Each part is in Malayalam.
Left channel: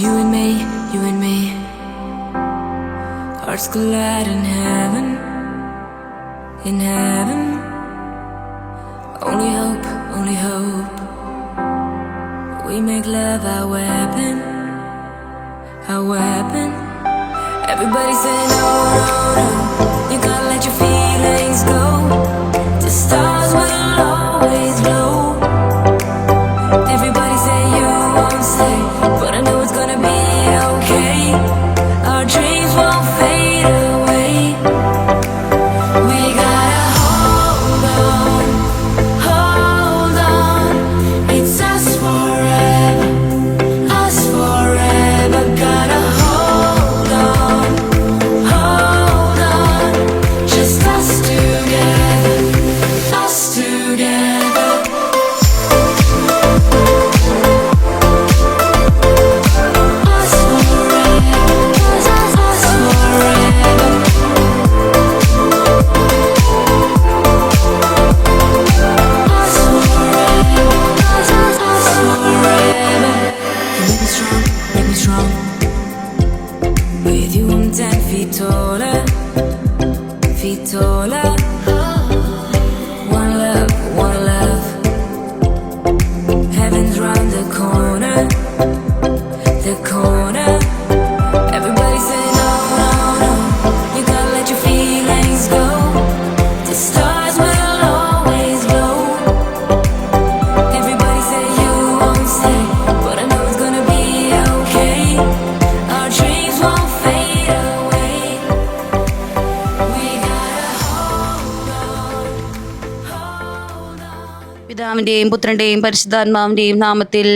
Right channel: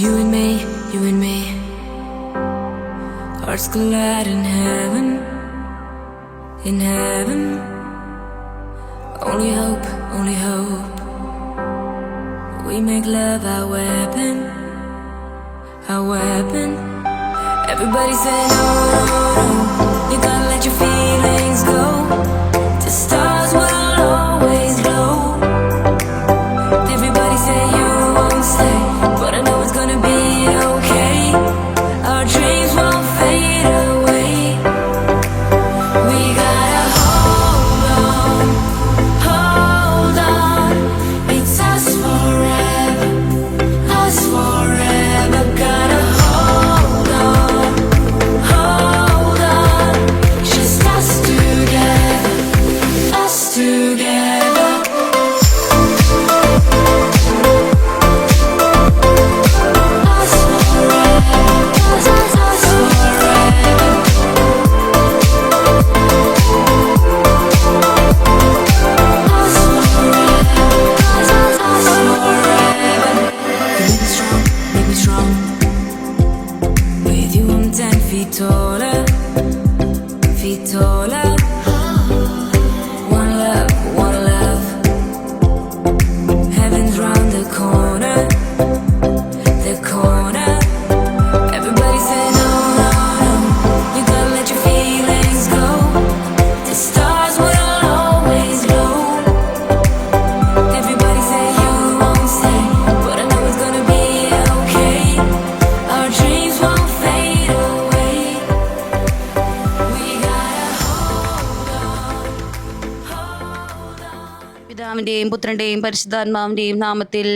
You and me, you and me. Hearts collide in heaven, in heaven. Only hope, only hope. We make love our weapon, our weapon. Everybody say no, no, no. You gotta let your feelings go. The stars will always glow. Everybody say you won't stay, but I know it's gonna be okay. Our dreams won't fade away. We gotta hold on, hold on. It's us forever, us forever. Gotta hold on, hold on. Just us together, us together. Us forever, us forever. Us forever. You make me strong, make me strong. With you I'm 10 feet taller, feet taller. One love, one love. Heaven's round the corner, the corner. Everybody say no, no, no. You gotta let your feelings go. The stars will always glow. Everybody say you won't stay, but I know it's gonna be okay. Our dreams won't fade away. We gotta hold on, hold on. പിതാവിന്റെയും പുത്രന്റെയും പരിശുദ്ധാത്മാവിന്റെയും നാമത്തിൽ.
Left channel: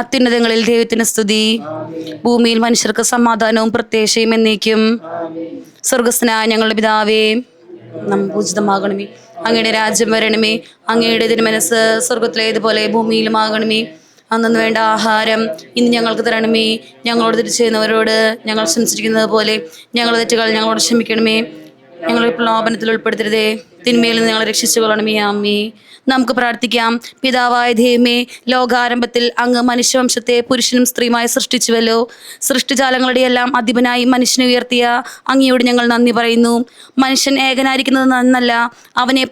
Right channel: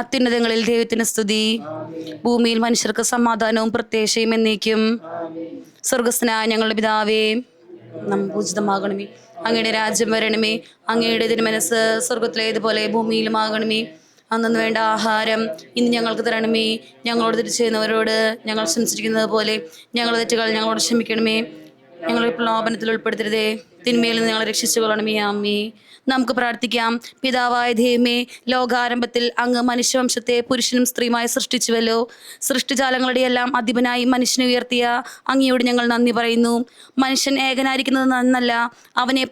അത്യുന്നതങ്ങളിൽ ദൈവത്തിന് സ്തുതി, ഭൂമിയിൽ മനുഷ്യർക്ക് സമാധാനവും പ്രത്യാശയും എന്നേക്കും. സ്വർഗസ്ഥനായ ഞങ്ങളുടെ പിതാവേ, പൂജിതമാകണമേ, അങ്ങയുടെ രാജ്യം വരണമേ, അങ്ങയുടെ തിരുമനസ് സ്വർഗത്തിലേതുപോലെ ഭൂമിയിലുമാകണമേ. അന്നു വേണ്ട ആഹാരം ഇന്ന് ഞങ്ങൾക്ക് തരണമേ. ഞങ്ങളോട് തെറ്റ് ചെയ്യുന്നവരോട് ഞങ്ങൾ ക്ഷമിച്ചിരിക്കുന്നത് പോലെ ഞങ്ങളുടെ തെറ്റുകൾ ഞങ്ങളോട് ക്ഷമിക്കണമേ. ഞങ്ങളെ പ്രലോഭനത്തിൽ ഉൾപ്പെടുത്തരുതേ, തിന്മയിൽ നിന്ന് ഞങ്ങളെ രക്ഷിച്ചു കൊള്ളണമേ. ആമേ. നമുക്ക് പ്രാർത്ഥിക്കാം. പിതാവായ ദൈവമേ, ലോകാരംഭത്തിൽ അങ്ങ് മനുഷ്യവംശത്തെ പുരുഷനും സ്ത്രീയുമായി സൃഷ്ടിച്ചുവല്ലോ. സൃഷ്ടിജാലങ്ങളുടെ എല്ലാം അധിപനായി മനുഷ്യനെ ഉയർത്തിയ അങ്ങയോട് ഞങ്ങൾ നന്ദി പറയുന്നു. മനുഷ്യൻ ഏകനായിരിക്കുന്നത് നന്നല്ല, അവനെ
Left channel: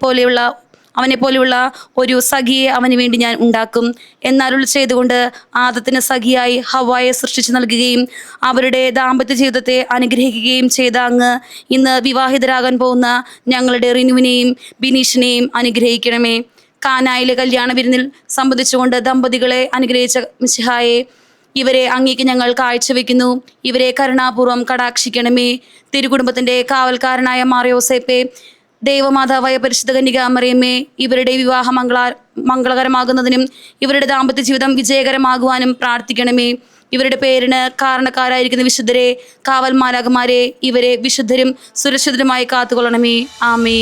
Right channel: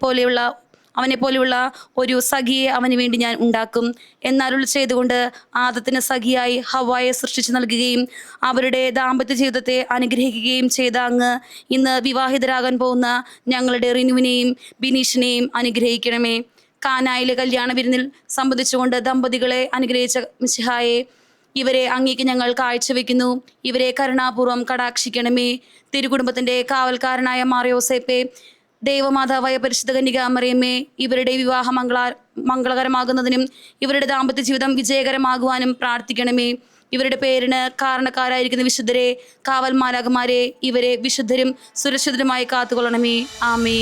പോലെയുള്ള ഒരു സഖിയെ അവന് വേണ്ടി ഞാൻ ഉണ്ടാക്കും എന്നരുൾ ചെയ്തുകൊണ്ട് ആദത്തിന് സഖിയായി ഹവ്വായെ സൃഷ്ടിച്ചു നൽകുകയും അവരുടെ ദാമ്പത്യ ജീവിതത്തെ അനുഗ്രഹിക്കുകയും ചെയ്ത അങ്ങ് ഇന്ന് വിവാഹിതരാകാൻ പോകുന്ന ഞങ്ങളുടെ റിനുവിനെയും ബിനീഷിനെയും അനുഗ്രഹിക്കണമേ. കാനായിലെ കല്യാണ വിരുന്നിൽ സംബന്ധിച്ചുകൊണ്ട് ദമ്പതികളെ അനുഗ്രഹിച്ച മിശിഹായെ, ഇവരെ അങ്ങേക്ക് ഞങ്ങൾ കാഴ്ചവെക്കുന്നു. ഇവരെ കരുണാപൂർവ്വം കടാക്ഷിക്കണമേ. തിരുകുടുംബത്തിൻ്റെ കാവൽക്കാരനായ മാറിയോസേപ്പെ, ദൈവമാതാവായ പരിശുദ്ധ കന്യകാമറിയമ്മേ, ഇവരുടെ വിവാഹം മംഗളകരമാകുന്നതിനും ഇവരുടെ ദാമ്പത്യ ജീവിതം വിജയകരമാകുവാനും പ്രാർത്ഥിക്കണമേ. ഇവരുടെ പേരിന് കാരണക്കാരായിരിക്കുന്ന വിശുദ്ധരെ, കാവൽ മാലാഖമാരെ, ഇവരെ വിശുദ്ധരും സുരക്ഷിതരുമായി കാത്തുകൊള്ളണമേ. ആമേ.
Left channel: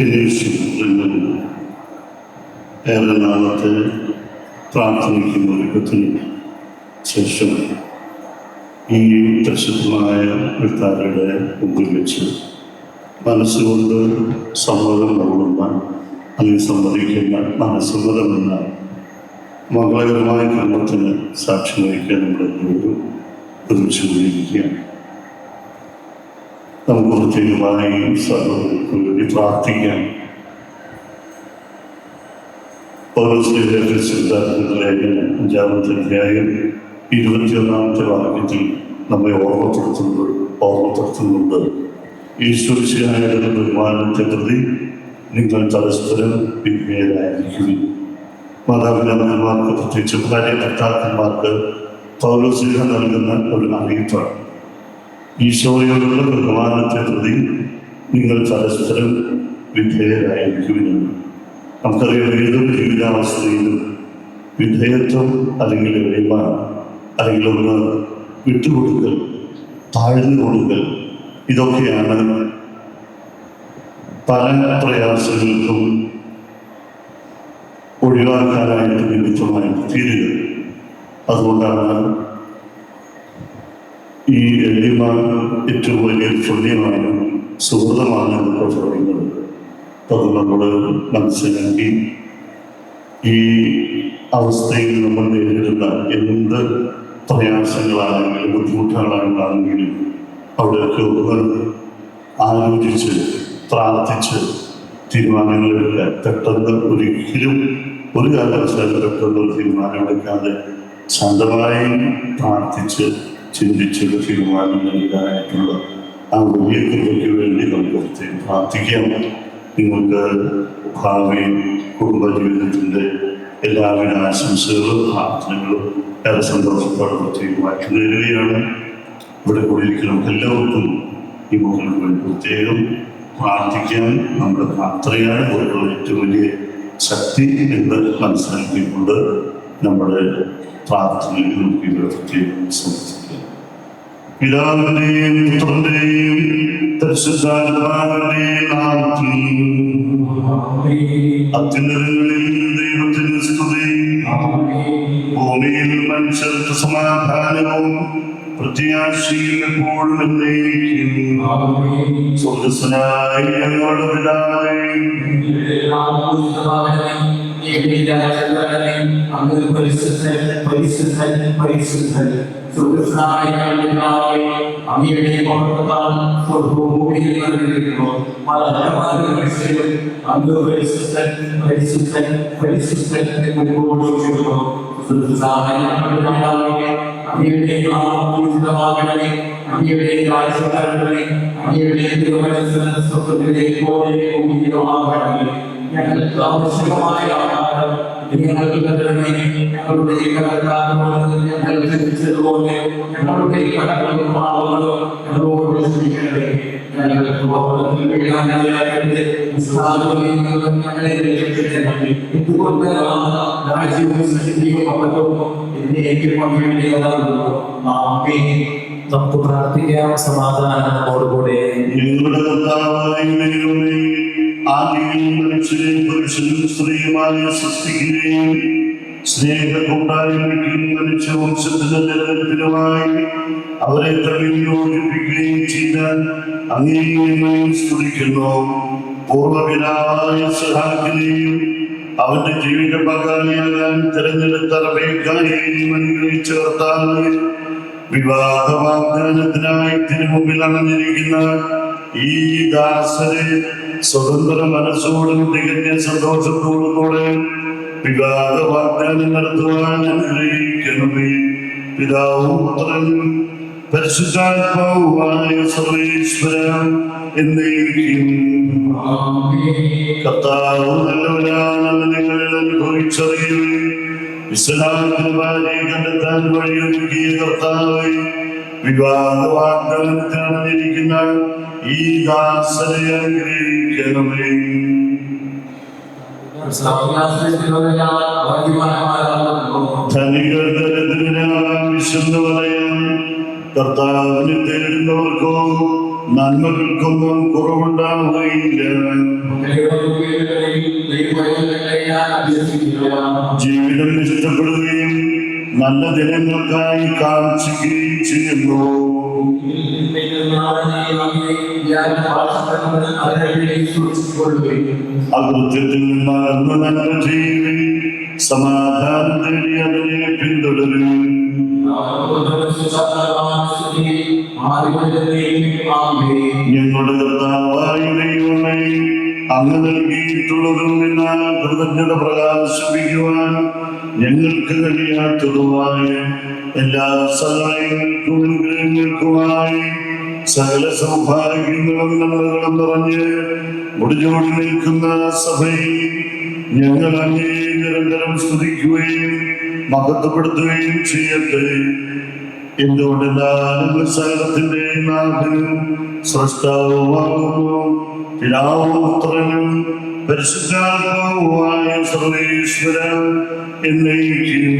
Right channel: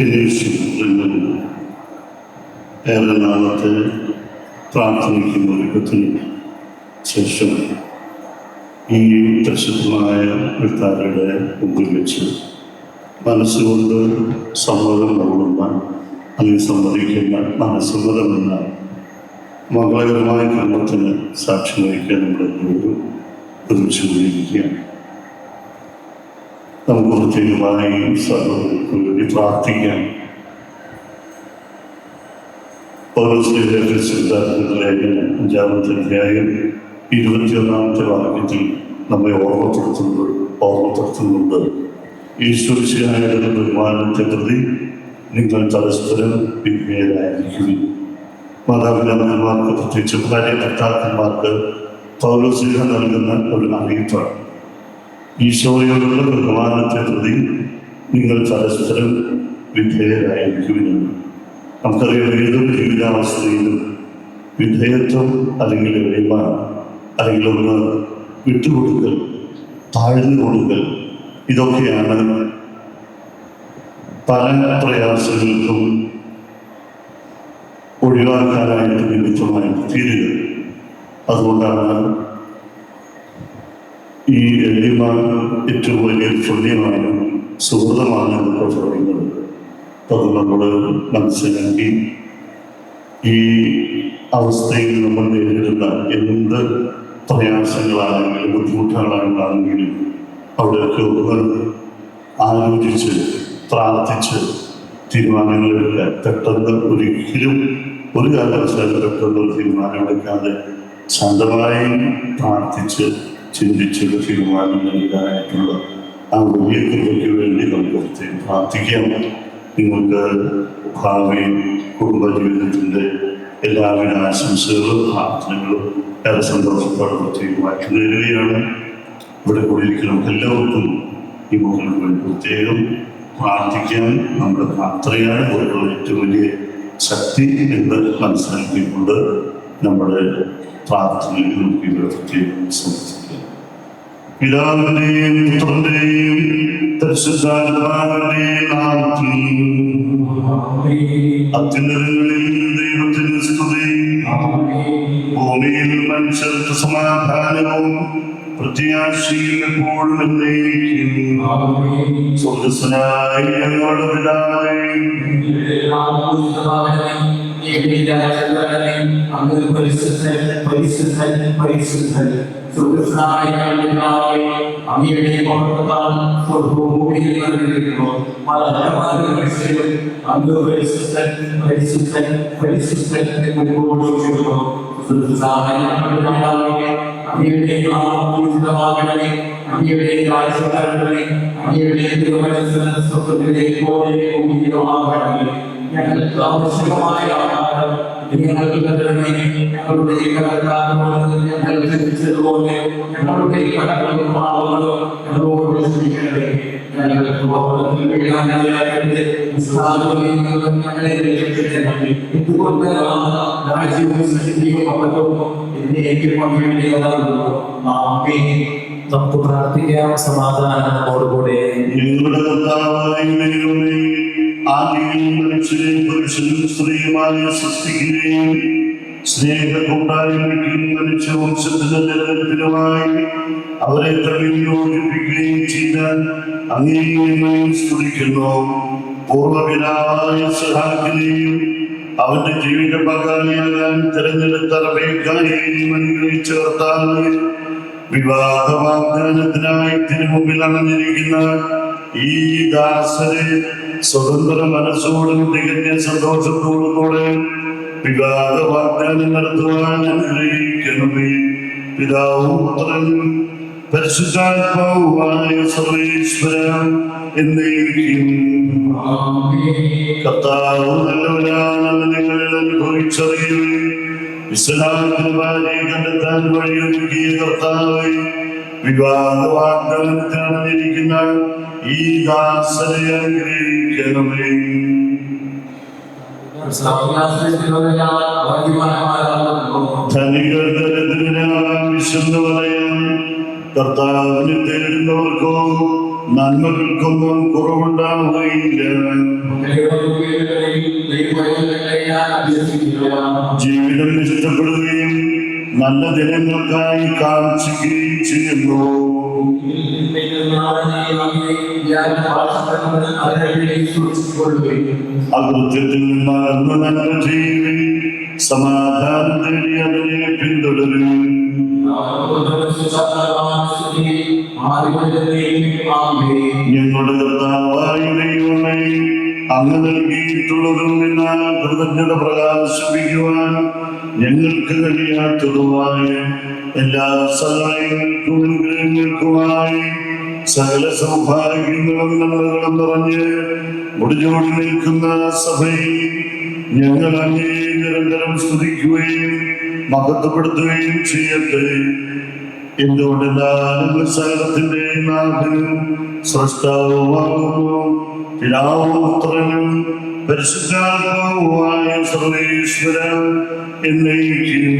വിനീഷിൽ ഏറെ നാളത്തെ പ്രാർത്ഥനയ്ക്കും ഒരുക്കത്തിനും ശേഷം ഈ പ്രസിദ്ധമായ വിത്താരുടെ മുമ്പിൽ വെച്ച് മനസ്സുകൊണ്ട് സമ്മതം കൊള്ളുന്ന അല്ലെങ്കിൽ സമ്മതിക്കുന്ന മനസ്സമ്മതമെന്ന മംഗളകരമായ കർമ്മത്തിന് സാക്ഷ്യം വഹിക്കാൻ നമ്മളെല്ലാവരും പ്രതീക്ഷിക്കുകയാണ്. നമുക്ക് പ്രത്യേകമായി സഹോദരങ്ങൾക്ക് വേണ്ടി പ്രാർത്ഥിക്കാം. ലേഖനം 5-ാമത്തെ അധ്യായം 21-ാമത്തെ വാക്യത്തിൽ നമ്മെ ഓർമ്മപ്പെടുത്തുന്നുണ്ട്. ഈശ്വരശിയായ ബഹുമാനത്തെ പ്രതി നിങ്ങൾ പരസ്പരം വിധേയരായിരിക്കും. മാതാപിതാക്കന്മാർക്ക്, പ്രത്യേകിച്ച് ഭാര്യ ഭർത്താക്കന്മാർക്ക് പൗലോസ്ലീഹ നൽകുന്ന ഒരു അറിയിപ്പാണ്. ഈശോയോടുള്ള ബഹുമാനത്തെ പ്രതി നിങ്ങൾ പരസ്പരം വിധേയരായിരിക്കുമെന്ന്. നമുക്കറിയാം, ഏതൊരു ജീവിതാവസ്ഥയിലും വിധേയത്വം അല്ലെങ്കിൽ എളിമ അല്ലെങ്കിൽ ഒന്ന് വിട്ടുകൊടുക്കൽ, താഴ്ന്നു കൊടുക്കൽ, ഇതൊക്കെയാണ് പല പ്രയാസങ്ങൾക്കും ഒഴിവാക്കാനായിട്ട് നിമിത്തമായിട്ട് തീരുക. അതുകൊണ്ടാണ് ഈ എളിമ ഏറ്റവും വലിയൊരു പുണ്യമാണ്, സുഹൃതമാണ് എന്നൊക്കെ പറയുന്നത്. അത് നമ്മൾ മനസ്സിലാക്കി ഈ അവസ്ഥയിൽ നമ്മൾ നേരിടുന്ന എന്ത് പ്രയാസങ്ങളാണെങ്കിലും ബുദ്ധിമുട്ടുകളാണെങ്കിലും അവിടെയൊക്കെ ഒന്ന് ആലോചിച്ച് പ്രാർത്ഥിച്ച് തീരുമാനങ്ങളെടുക്കാൻ, പെട്ടെന്ന് ഒരിക്കലും ഒരു കാരണവശാലും പെട്ടെന്ന് ഒരു തീരുമാനമെടുക്കാതെ ശാന്തമായി പ്രാർത്ഥിച്ച് ചിന്തിച്ചൊരു തീരുമാനം നൽകാനായിട്ടുള്ള ആ വലിയ കൃപയ്ക്ക് വേണ്ടി നമുക്ക് പ്രാർത്ഥിക്കാം. നിങ്ങൾക്ക് ഭാവി കുടുംബജീവിതത്തിൻ്റെ എല്ലാവിധ ആശംസകളും പ്രാർത്ഥനകളും ഏറെ സന്തോഷത്തോടെ പ്രത്യേകമായിട്ട് നേരുകയാണ്. ഇവിടെ കൂടിയിരിക്കുന്ന നമുക്ക് എല്ലാവർക്കും ഈ മക്കൾക്ക് വേണ്ടി പ്രത്യേകം പ്രാർത്ഥിക്കാൻ നമ്മുടെ പ്രാർത്ഥനയാണ് ഒരു ഏറ്റവും വലിയ ശക്തി എന്ന് മനസ്സിലാക്കിക്കൊണ്ട് നമ്മുടെ പ്രാർത്ഥനയിൽ നമുക്ക് ഇവിടെ പ്രത്യേകം സമർപ്പിക്കാം. പിതാവിന്റെയും പുത്രന്റെയും പരിശുദ്ധാത്മാവിന്റെയും നാമത്തിൽ അത്യുന്നതങ്ങളിൽ ദൈവത്തിന് സ്തുതി, ഭൂമിയിൽ മനുഷ്യർക്ക് സമാധാനവും പ്രത്യാശയും എപ്പോഴും എന്നേക്കും. സ്വർഗ്ഗസ്ഥനായ ഞങ്ങളുടെ പിതാവേ, അങ്ങ് പരിശുദ്ധൻ പരിശുദ്ധൻ പരിശുദ്ധൻ. അങ്ങയുടെ മഹത്വത്താൽ സ്വർഗ്ഗഭൂമിയിൽ നിറഞ്ഞിരിക്കുന്നു. അങ്ങ് പരിശുദ്ധൻ പരിശുദ്ധൻ പരിശുദ്ധൻ എന്ന് ഘോഷിക്കുന്നു. അങ്ങയുടെ നാമപൂജിതമാകണമേ, അങ്ങയുടെ രാജ്യം വരണമേ, അങ്ങയുടെ തിരുമനസ്സ് സ്വർഗ്ഗത്തിലെ പോലെ ഭൂമിയിലുമാകണമേ. ഞങ്ങൾക്ക് ആവശ്യമായ ആഹാരം ഞങ്ങൾക്ക് തരണമേ. ഞങ്ങളുടെ കടക്കാരോട് ഞങ്ങൾ ക്ഷമിച്ചതുപോലെ ഞങ്ങളുടെ കടങ്ങളും പാപങ്ങളും ഞങ്ങളോട് ക്ഷമിക്കണമേ. ഞങ്ങൾക്ക് ഞങ്ങളെ രക്ഷിക്കണമേ. എന്തുകൊണ്ട് രാജ്യവും ശക്തിയും മഹത്വവും എന്നേക്കും അങ്ങയുടേതാകുന്നു. ആമേൻ. നമുക്ക് പ്രാർത്ഥിക്കാം. സമാധാനം നമ്മോടുകൂടെ. ഞങ്ങളുടെ കർത്താവായ ദൈവമേ, ആദിയിൽ മനുഷ്യരെ പുരുഷനും സ്ത്രീയുമായി സൃഷ്ടിക്കുകയും സ്നേഹകൂട്ടായ്മയ്ക്കും മനുഷ്യവംശത്തിന്റെ നിലനിൽപ്പിനുമായി അവരെ തമ്മിൽ യോജിപ്പിക്കുകയും ചെയ്താൽ അങ്ങേയും സ്തുതിക്കുന്നു. പൂർവ്വപിതാവായ ഇസ്ഹാക്കിനെയും അവന്റെ ജീവിത പങ്കാളിയാകാൻ തിരഞ്ഞെടുത്ത റബേക്കായെയും അനുഗ്രഹിച്ച കർത്താവേ, വിവാഹ വാഗ്ദാനത്തിനായി തിരുമുമ്പിൽ അണഞ്ഞിരിക്കുന്ന ഈ ദാസരെ സ്വതന്ത്ര മനസ്സോടും തികഞ്ഞ സന്തോഷത്തോടും കൂടെ വിവാഹ വാഗ്ദാനം നടത്തുവാൻ അനുഗ്രഹിക്കണമേ. പിതാവും പുത്രനും പരിശുദ്ധാത്മാവുമായ സർവേശ്വര എന്നേക്കും. കർത്താവ് നല്ലവനാണെന്ന് നിങ്ങൾ അനുഭവിച്ചറിയുകയും ഇസ്ലാമിന്റെ ഭാര്യയെ കണ്ടെത്താൻ വഴിയൊരുക്കിയ കർത്താവേ, വിവാഹ വാഗ്ദാനത്തിനറിഞ്ഞിരിക്കുന്ന ഈ ദാസരെ അനുഗ്രഹിക്കണമേ. ധനികർ ദരിദ്രരാകാൻ വിശന്നു പറയാൻ കർത്താവിനെ തേടുന്നവർക്കോ നന്മകൾക്കൊന്നും കുറവുണ്ടാവുകയില്ല. ജീവിതം ഇഷ്ടപ്പെടുകയും നല്ല ദിനങ്ങൾക്കായി കാക്ഷിക്കുകയും ചെയ്യുന്നു. അകൃത്യത്തിൽ നിന്ന് അകന്നു നന്മ ചെയ്യുകയും സമാധാനം തേടി അതിനെ പിന്തുടരും. ഞങ്ങളുടെ കർത്താവായ ദൈവമേ, അങ്ങ് നൽകിയിട്ടുള്ളതും എന്നാൽ കൃതജ്ഞത പ്രകാശിപ്പിക്കുവാൻ ഞങ്ങൾക്ക് കഴിയാത്തതുമായ എല്ലാ സഹായങ്ങൾക്കും അനുഗ്രഹങ്ങൾക്കുമായി സകല സൗഭാഗ്യങ്ങളും നന്മകളും നിറഞ്ഞ് മുടിചോടി നിൽക്കുന്ന സഭയിൽ ഞങ്ങൾ അങ്ങേ നിരന്തരം സ്തുതിക്കുകയും മഹത്വപ്പെടുത്തുകയും ചെയ്യട്ടെ. എന്തുകൊണ്ടെന്നാൽ സകലത്തിന്റെ നാഥനും സ്രഷ്ടാവുമാകുന്നു, പിതാവും പുത്രനും പരിശുദ്ധാത്മാവുമായ സർവേശ്വരൻ എന്നേക്കും.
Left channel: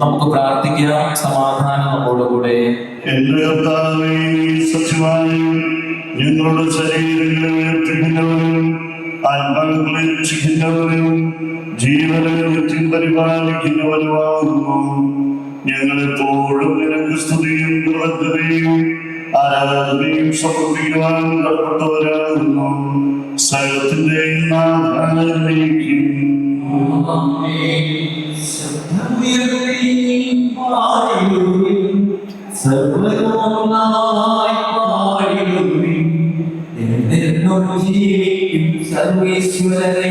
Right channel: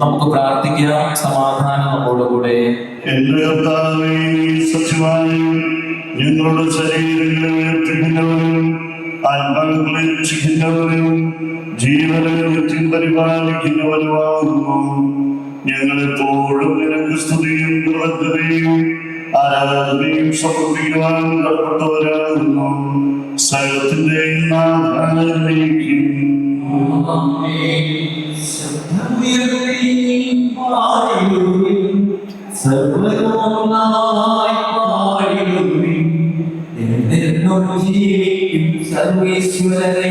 നമുക്ക് പ്രാർത്ഥിക്കാം. സമാധാനം നമ്മോടുകൂടെ. എന്റെ കർത്താവേ, സത്യമായും ഞങ്ങളുടെ ശരീരങ്ങളെ ഉയർത്തിക്കുന്നവരും ആത്മാക്കളെ രക്ഷിക്കുന്നവരും ജീവനത്തിൽ പരിപാലിക്കുന്നവരുമാകുന്നു. ഞങ്ങളെപ്പോഴും നിനക്ക് സ്തുതിയും കൃതജ്ഞതയും ആരാധനയും സമർപ്പിക്കുവാൻ കടപ്പെട്ടവരാകുന്നു. സകലത്തിന്റെ നാഥാനിലേക്ക് സർവേശ്വരനെ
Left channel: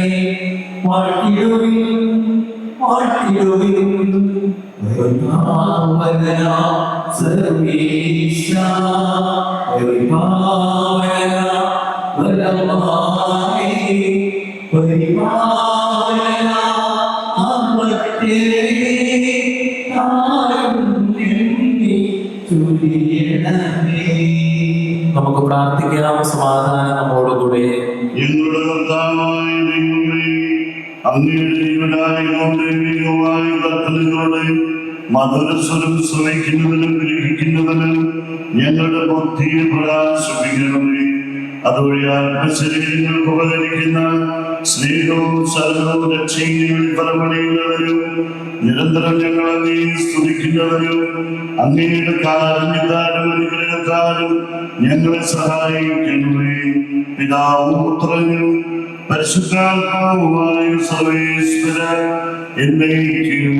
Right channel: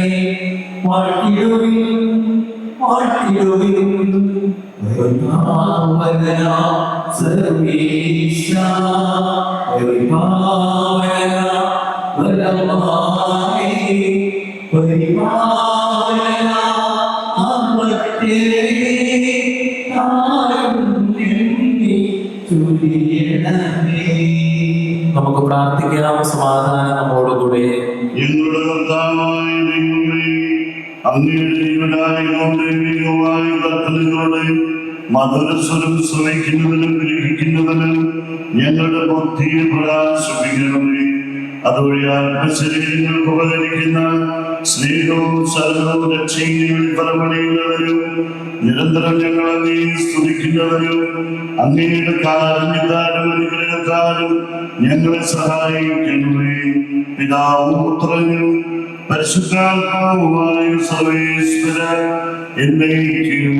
നമുക്ക് പ്രാർത്ഥിക്കാം. സമാധാനം നമ്മോടുകൂടെ. ഞങ്ങളുടെ കർത്താവായ ദൈവമേ, അങ്ങയുടെ ജീവനായ കൽപ്പനകളുടെ മധുരസ്വരം ശ്രമിക്കുന്നതിനും ഗ്രഹിക്കുന്നതിനും ഞങ്ങളുടെ ബുദ്ധിയെ പ്രകാശിപ്പിക്കണമേ. അതുവഴി ആത്മശരീരങ്ങൾക്ക് ഉപകരിക്കുന്ന സ്നേഹവും ശരണവും രക്ഷയും ഫലമണിയുന്നതിനും നിരന്തരം ഞങ്ങൾ അങ്ങേ സ്തുതിക്കുന്നതിനും അങ്ങയുടെ കാരുണ്യത്താലും അനുഗ്രഹത്താലും ഞങ്ങളെ സഹായിക്കണമേ. പിതാവും പുത്രനും പരിശുദ്ധാത്മാവുമായ സർവേശ്വരൻ എന്നേക്കും.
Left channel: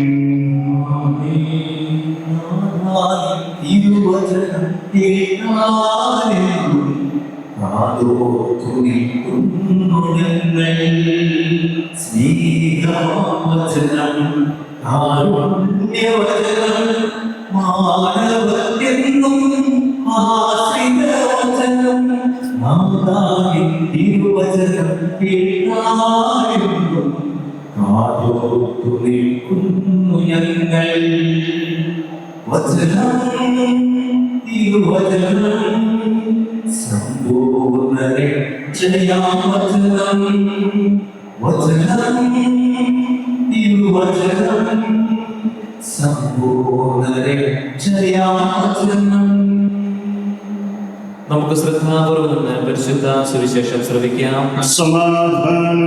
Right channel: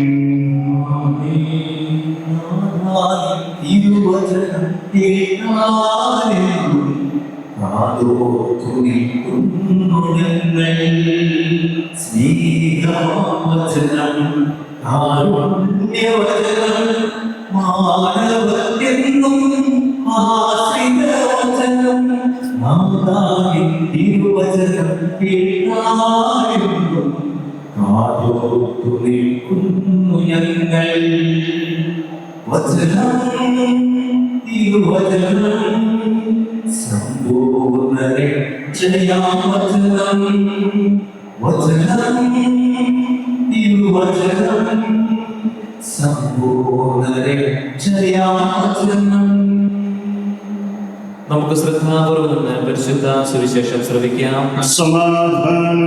നമുക്ക് ശ്രദ്ധാപൂർവ്വം പരിശുദ്ധ സുവിശേഷം ശ്രവിക്കാം. സമാധാനം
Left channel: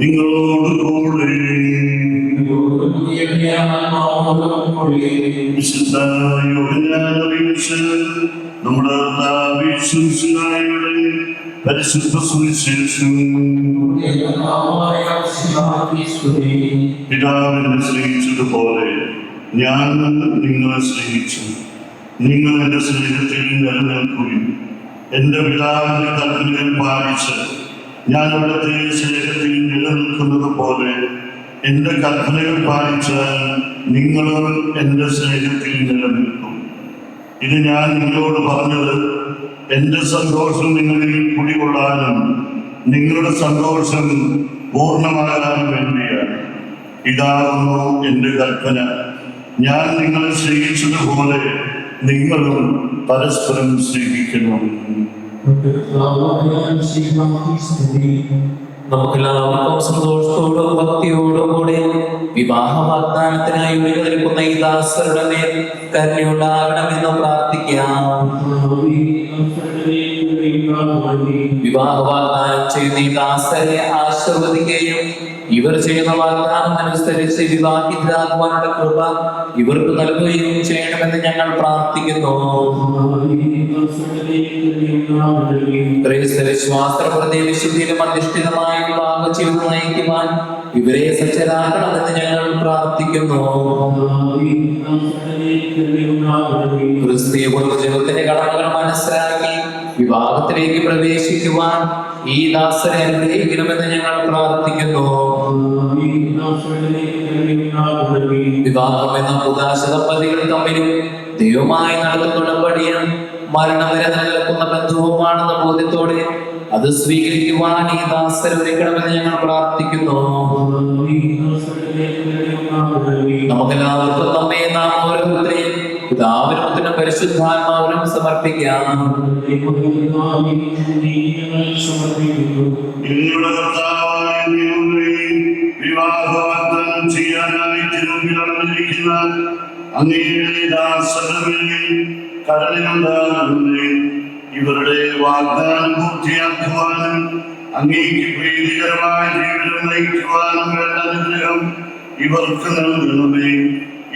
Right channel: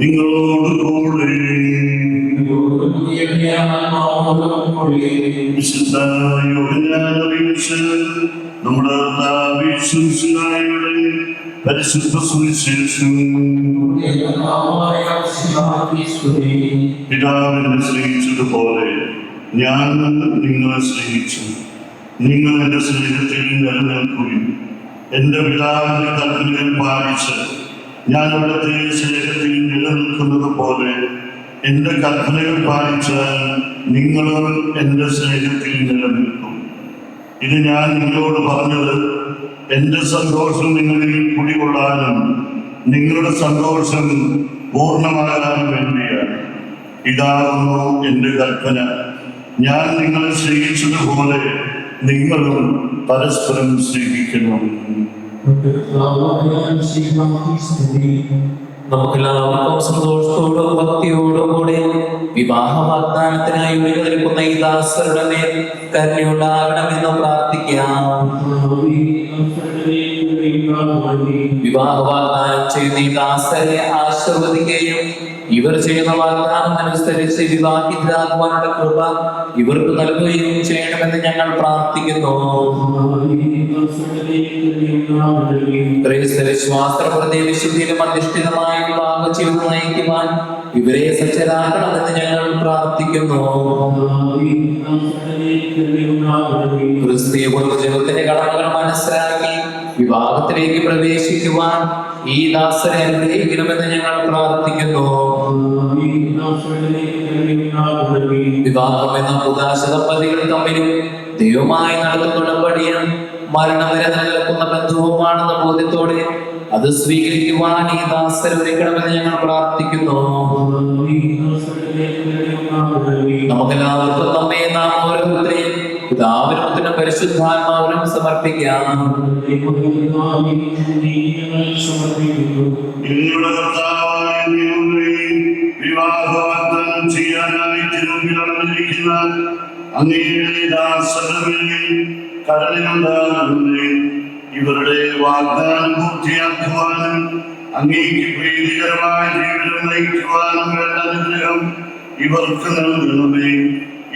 നിങ്ങളോടുകൂടെ. വിശുദ്ധ യോഹന്നാൻ അറിയിച്ച നമ്മുടെ പരിശുദ്ധ സുവിശേഷം. പിതാവിനെ സ്നേഹിച്ചതുപോലെ ഞാൻ നിങ്ങളെ സ്നേഹിച്ചു. നിങ്ങൾ എൻ്റെ സ്നേഹത്തിൽ നിലനിൽക്കുകയും എൻ്റെ പിതാവിന്റെ കൽപ്പനകൾ പാലിച്ച് ഞാൻ അവിടുത്തെ സ്നേഹത്തിൽ നിലനിൽക്കുന്നത് പോലെ എൻ്റെ കൽപ്പനകൾ പാലിച്ചാൽ നിങ്ങളും എൻ്റെ സ്നേഹത്തിൽ നിലനിൽക്കും. ഇത് ഞാൻ നിങ്ങളോട് പറഞ്ഞത് എൻ്റെ സന്തോഷം നിങ്ങളിൽ കുടികൊള്ളാനും നിങ്ങളുടെ സന്തോഷം പൂർണ്ണമാകാനും വേണ്ടിയാണ്. ഇതാകുന്നു എൻ്റെ കൽപ്പന. ഞാൻ നിങ്ങളെ സ്നേഹിച്ചതുപോലെ നിങ്ങളും പരസ്പരം സ്നേഹിക്കണം. നമുക്കെല്ലാവർക്കും സന്തോഷത്തോടും ഭക്തിയോടും കൂടി വിവാഹ വാഗ്ദാനത്തിനായി ഒരുങ്ങി നിൽക്കുന്ന ഈ ദാസരുടെ മേൽ കരുണയുണ്ടാകണമെന്ന് പ്രാർത്ഥിക്കാം. വിവാഹ വാഗ്ദാനം ചെയ്യുന്ന ഈ ദാസരെ ആശീർവദിക്കുകയും ഇവർ ചെയ്യുന്ന വാഗ്ദാനം അനുസരിച്ച് വിവാഹിതരാകുവാനുള്ള കൃപ ഇവർക്ക് നൽകുകയും ചെയ്യണമെന്ന് ഞങ്ങൾ പ്രാർത്ഥിക്കുന്നു. വിശ്വാസപ്രതി വിശുദ്ധിയിലും അധിഷ്ഠിതമായ വിവാഹ ജീവിതം നയിക്കുവാൻ ഇവരെ സജ്ജരാക്കണമെന്ന് ഞങ്ങൾ പ്രാർത്ഥിക്കുന്നു. ക്രിസ്തീയ കുടുംബജീവിതത്തിന്റെ കടമകൾ മനസ്സിലാക്കി വിവാഹത്തിലേക്ക് പ്രവേശിക്കുവാൻ ഈ ദാസരെ അനുഗ്രഹിക്കണമെന്ന് ഞങ്ങൾ പ്രാർത്ഥിക്കുന്നു. വിവാഹം എന്ന പുതാശ ദമ്പതികൾ തമ്മിലും ദൈവമായി നടത്തുന്ന ഉടമ്പടിയും മരണം വരെ നിലനിൽക്കുന്ന ബന്ധവുമാണെന്ന ബോധ്യത്തോടെ അത് സ്വീകരിക്കുവാൻ ഈ ദാസരെ ഒരുക്കണമെന്ന് ഞങ്ങൾ പ്രാർത്ഥിക്കുന്നു. നമുക്കെല്ലാവർക്കും നമ്മെ നാം ഓരോരുത്തരെയും പിതാവിനും പുത്രനും പരിശുദ്ധാത്മാവിനും സമർപ്പിക്കാം. വിവാഹവാഗ്ദാനം ചെയ്യാനായി തിരുമുമ്പിലിരിക്കുന്ന അങ്ങയുടെ ദാസരുടെ കരുണയുണ്ടാകണമേ. ഇവരുടെ വാഗ്ദാനം പൂർത്തിയാക്കുവാനും അങ്ങേക്ക് പ്രീതികരമായ ജീവിതം നയിക്കുവാനും വേണ്ട അനുഗ്രഹം ഇവർക്ക് നൽകണമേ.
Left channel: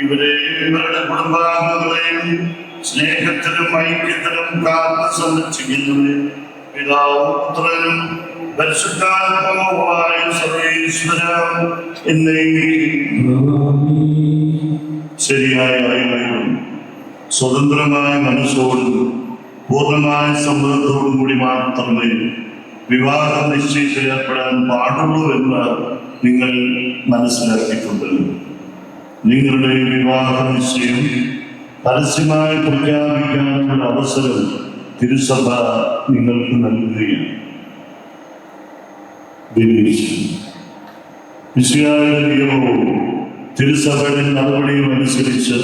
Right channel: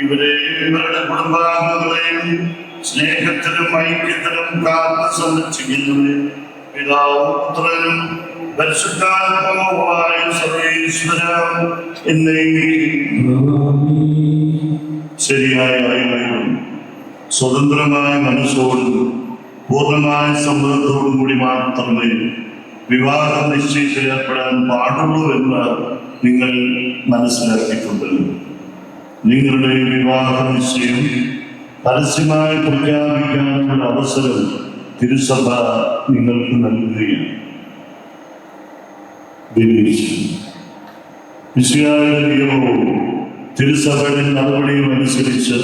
ഇവരുടെ കുടുംബാംഗങ്ങളെയും സ്നേഹത്തിലും ഐക്യത്തിലും കാത്ത് സംരക്ഷിക്കുന്നവരെ പിതാവും പുത്രനും പരിശുദ്ധാത്മാവുമായ സർവേശ്വരം ശരിയായ അറിവും സ്വതന്ത്രമായ മനസ്സോടും പൂർണ്ണമായ സമ്മതത്തോടും കൂടി മാത്രമേ വിവാഹ നിശ്ചയത്തിൽ ഏർപ്പെടാൻ പാടുള്ളൂ എന്ന് നിങ്ങൾ മനസ്സിലാക്കിയിട്ടുണ്ടല്ലോ. നിങ്ങളുടെ വിവാഹ നിശ്ചയം പരസ്യമായി പ്രഖ്യാപിക്കാനുള്ള അവസരം തിരുസഭ നിങ്ങൾക്ക് നൽകുകയാണ്. നിയമവും തിരുസഭയുടെ നടപടിയും അനുസരിച്ച്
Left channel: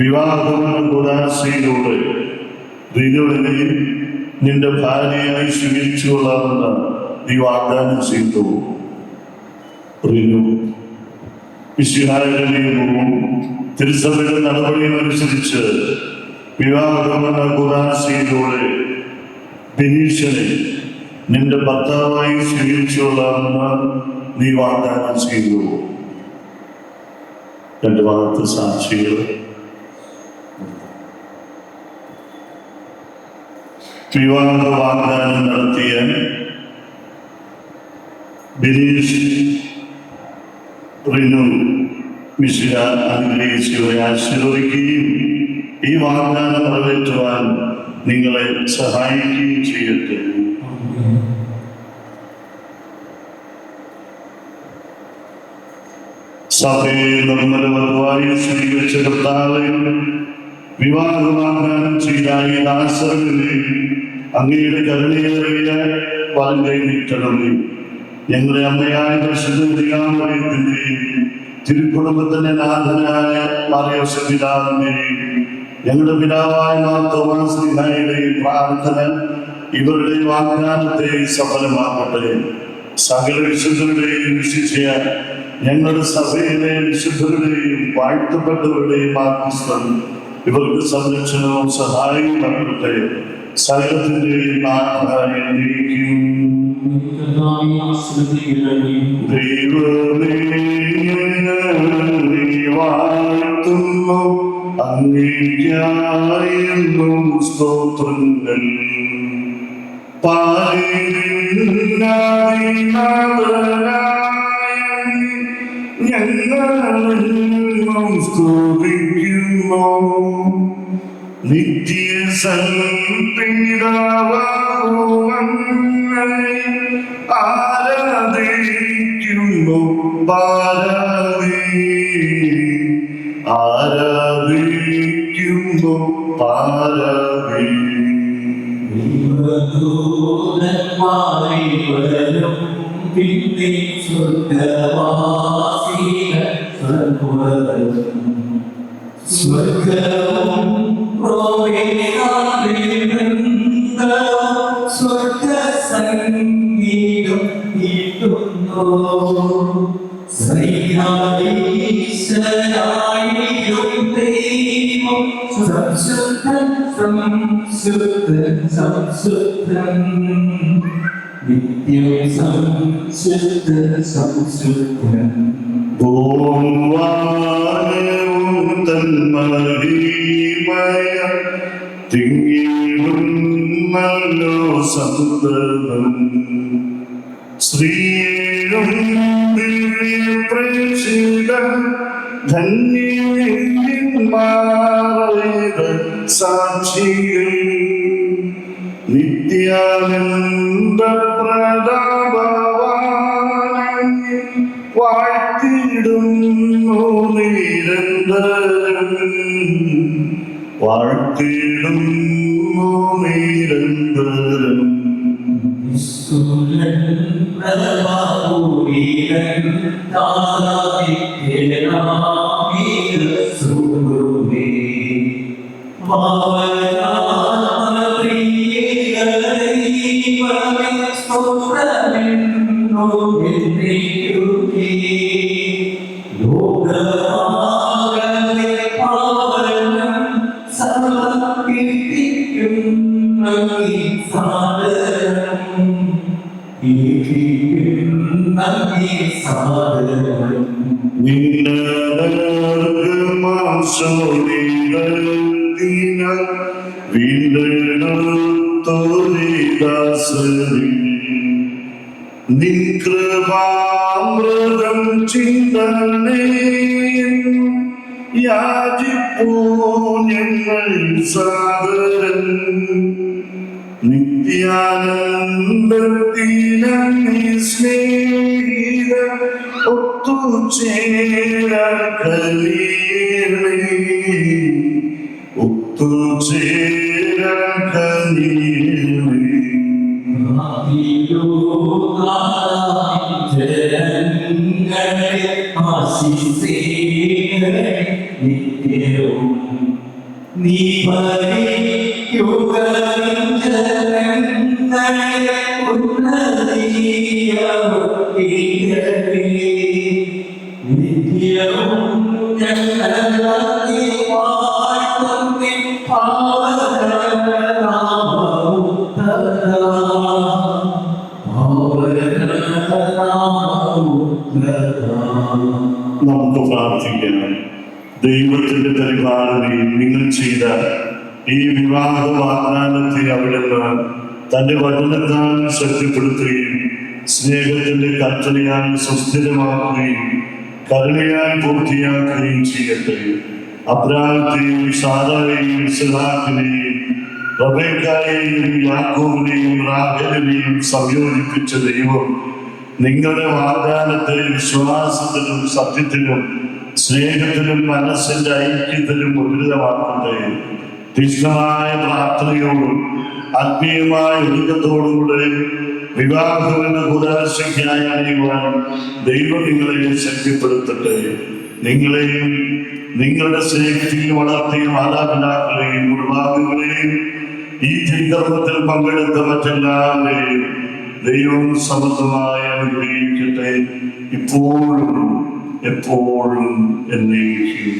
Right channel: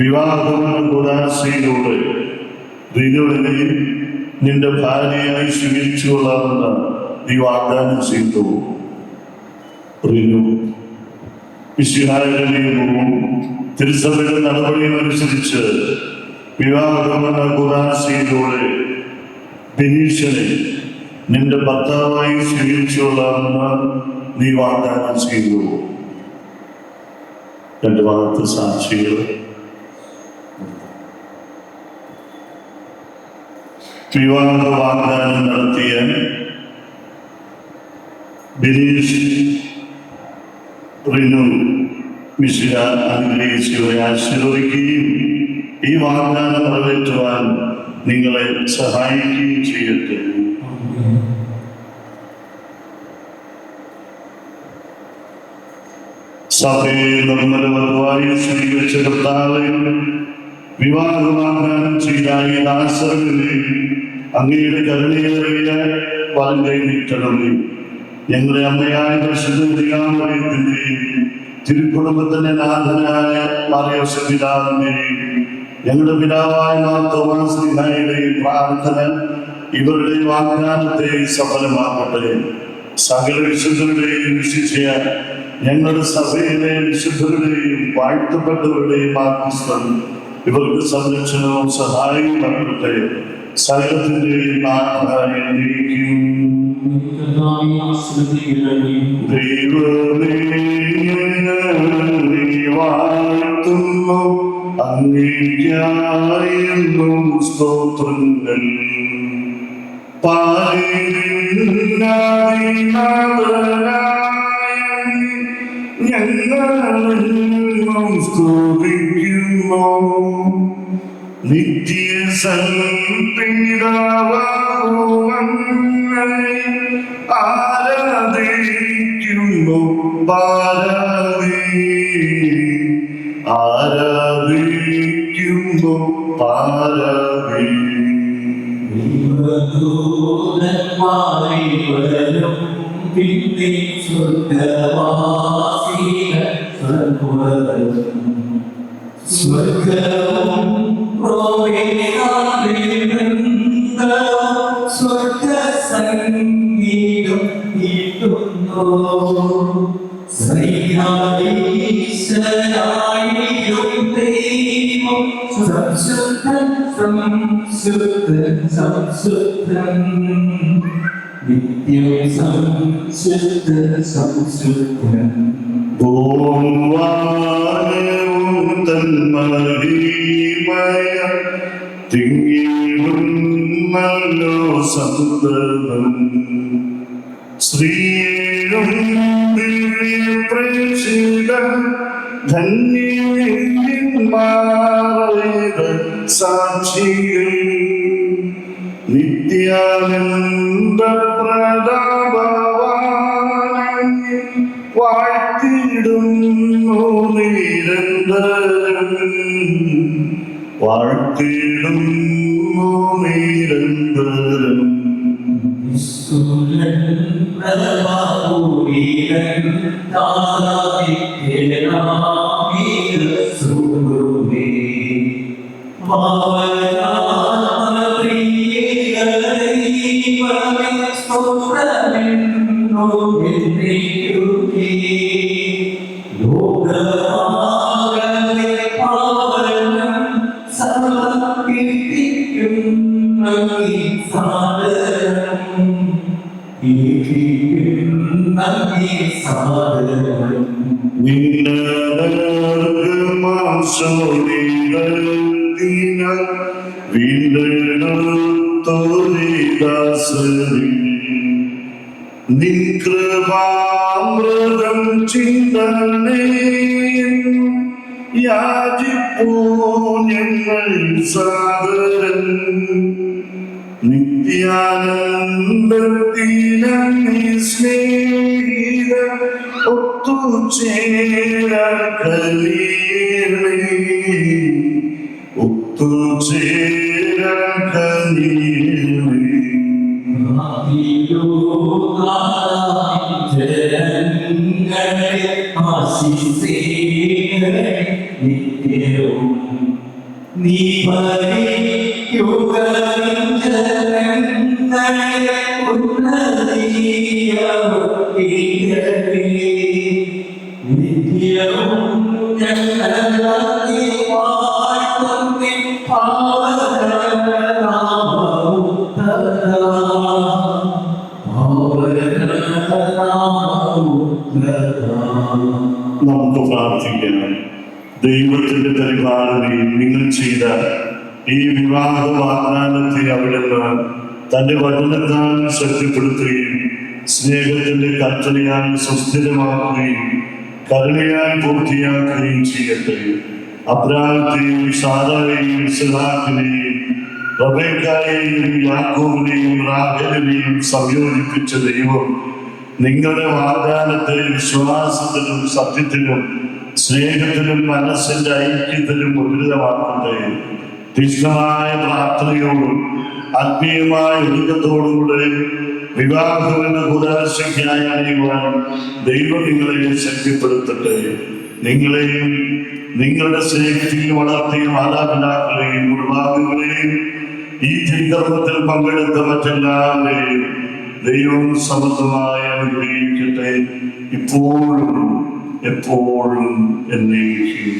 വിവാഹമെന്ന കൂടാശയിലൂടെ റിനുവിനെ നിന്റെ ഭാര്യയായി സ്വീകരിച്ചു കൊള്ളാമെന്ന് നീ വാഗ്ദാനം ചെയ്തു. റിനു മിശിഹായുടെ നിയമവും തിരുസഭയുടെ നടപടിയും അനുസരിച്ച് വിവാഹമെന്ന കൂടാശയിലൂടെ ബിനീഷനെ നിന്റെ ഭർത്താവായി സ്വീകരിച്ചു കൊള്ളാമെന്ന് നീ വാഗ്ദാനം ചെയ്തു. രണ്ട് ഭാഗത്ത് സാക്ഷികൾ. വിവാഹ വാഗ്ദാനം നടത്തിയ ബിനീഷ് റിനു മിശിഹ അനുഗ്രഹിച്ചവരെ ആശീർവദിക്കുകയും ഈ വാഗ്ദാനം നിറവേറ്റുവാൻ നിങ്ങളെ സഹായിക്കുകയും ചെയ്യട്ടെ. സഭയെ നിർമ്മലവധുവായി സ്വീകരിച്ച കർത്താവേ, വിവാഹ വാഗ്ദാനം ചെയ്ത ഈ ദാസരെ അങ്ങയുടെ കരുണയേറിയ വലങ്കൈ നീട്ടണമേ. ഞങ്ങളുടെ അമ്മയായ പരിശുദ്ധമറിയത്തിന്റെയും തിരുക്കുടുംബത്തിന്റെ നാഥനായ മറിയോസേപ്പ് പിതാവിന്റെയും ഞങ്ങളുടെ പിതാവായ മാർ തോമാസ് ശ്ലീഹായുടെയും പ്രാർത്ഥന ഇവരുടെ വാഗ്ദാനത്തെ സഫലമാക്കട്ടെ. സകല വിശുദ്ധരുടെയും വിശിഷ്യ ഞങ്ങളുടെ സഭയിലെ വിശുദ്ധരുടെയും വാഴ്ത്തപ്പെട്ടവരുടെയും ആത്മസ്ഥം ഇവർക്ക് സംരക്ഷണവും സഹായവും നൽകട്ടെ. സകലത്തിന്റെയും നാഥനായ ദൈവമേ വാഴ്ത്തുന്നു അങ്ങേയ്ക്കായെന്നും സ്തോത്രങ്ങൾ. ഞങ്ങളും സ്തുതിക്കുന്നു. നിത്യ സൽപിതാവേ ആരാധിക്കുന്നു. പാരാവേ ആരാധിക്കുന്നു പാരാവേ പിന്നെ സ്വർഗവും സ്വർഗ സംഗീതം നീട്ടുന്നു ശ്രീഹരീശ്വരായും ദൈവം സംശുദ്ധൻ സംശുദ്ധൻ സംശുദ്ധൻ നിത്യം സംശുദ്ധൻ സംശുദ്ധൻ ഭൂവാനവും തന്മഹിമയ തിങ്ങിടുന്നല്ലോ സന്തതം ശ്രീയും ദിവ്യപ്രേക്ഷിത ധന്യമാറേത സാക്ഷികൾ നിത്യാനന്ദ പ്രതാപവാൻ വാഴ്ത്തിടുന്നു നിരന്തരം വാഴ്ത്തിടുന്നു നിരന്തരം നിൻകൃപാമൃതം ചിന്തനേ യാചിപ്പൂ ഞങ്ങൾ സാദരം നിത്യാനന്ദത്തിനീ സ്നേഹിത ഒത്തുചേരാൻ കഴിയണേ ഒത്തുചേരാൻ കഴിയണേ നിത്യവും നീ നമുക്ക് പ്രാർത്ഥിക്കാം. ദൈവത്തിന്റെ പരിപാലനയിൽ നിങ്ങൾ ചെയ്ത ഈ വിവാഹ വാഗ്ദാനത്തെ അവിടുന്ന് തന്റെ വചനത്താൽ ശക്തിപ്പെടുത്തുകയും സ്നേഹത്തിന്റെ കൽപ്പനയാൽ സുസ്ഥിരമാക്കുകയും കരുണയാൽ പൂർത്തിയാക്കുകയും ചെയ്യട്ടെ. അബ്രാഹത്തെയും സാറായെയും ഇസ്ഹാക്കിനെയും റബേക്കായെയും യാക്കോബിനെയും റാഹേലിനെയും സംയോജിപ്പിച്ച ദൈവം നിങ്ങളുടെ വാഗ്ദാനത്തെ വിശ്വാസത്തിലും സത്യത്തിലും സ്നേഹത്തിലും മനസ്സിന്റെ ഐക്യത്തിലും ഉന്നതമാക്കട്ടെ. തീക്ഷ്ണമായ പ്രാർത്ഥനയോടും ആത്മീയമായ ഒരുക്കത്തോടുകൂടെ വിവാഹമെന്ന കൂടാശയ്ക്കായി അണിയുവാൻ ദൈവം നിങ്ങളെ ശക്തിപ്പെടുത്തട്ടെ. നിങ്ങളെയും നിങ്ങളുടെ സ്നേഹത്തിൽ വളർത്തിയ മാതാപിതാക്കളെയും കുടുംബാംഗങ്ങളെയും ഈ തിരുക്കർമ്മത്തിൽ പങ്കെടുത്ത മറ്റെല്ലാവരെയും ദൈവം സമൃദ്ധമായി അനുഗ്രഹിക്കട്ടെ, ഇപ്പോഴും എപ്പോഴും എന്നേക്കും.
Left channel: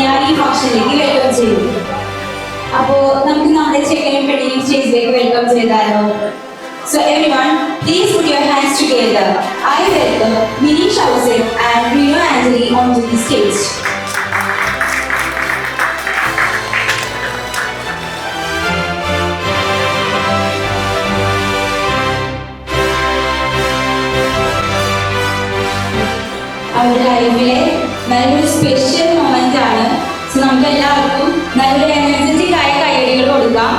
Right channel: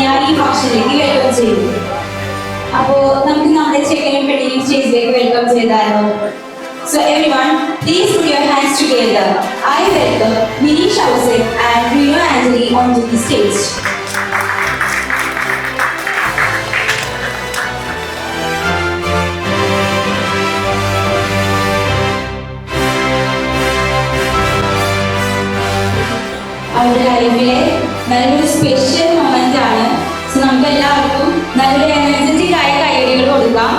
ഞാൻ ഈ ഫംഗ്ഷനിലേക്ക് വെൽക്കം ചെയ്തു. അപ്പോൾ നമുക്ക് നമ്മുടെ ചെക്കനും പെണ്ണിനെയും സ്റ്റേജിലേക്ക് വെൽക്കം ചെയ്താലോ? So everyone, please put your hands together. I welcome Minish Ausep and Rino Angeli onto the stage. അവരുടെ ലൈഫിലെ നല്ലൊരു സ്പെഷ്യൽ മൊമെന്റ് ആണ്. സോ നമുക്ക് എല്ലാവർക്കും നല്ലൊരു എനർജറ്റിക് ആയ കൈയടികൾ കൊടുക്കാം.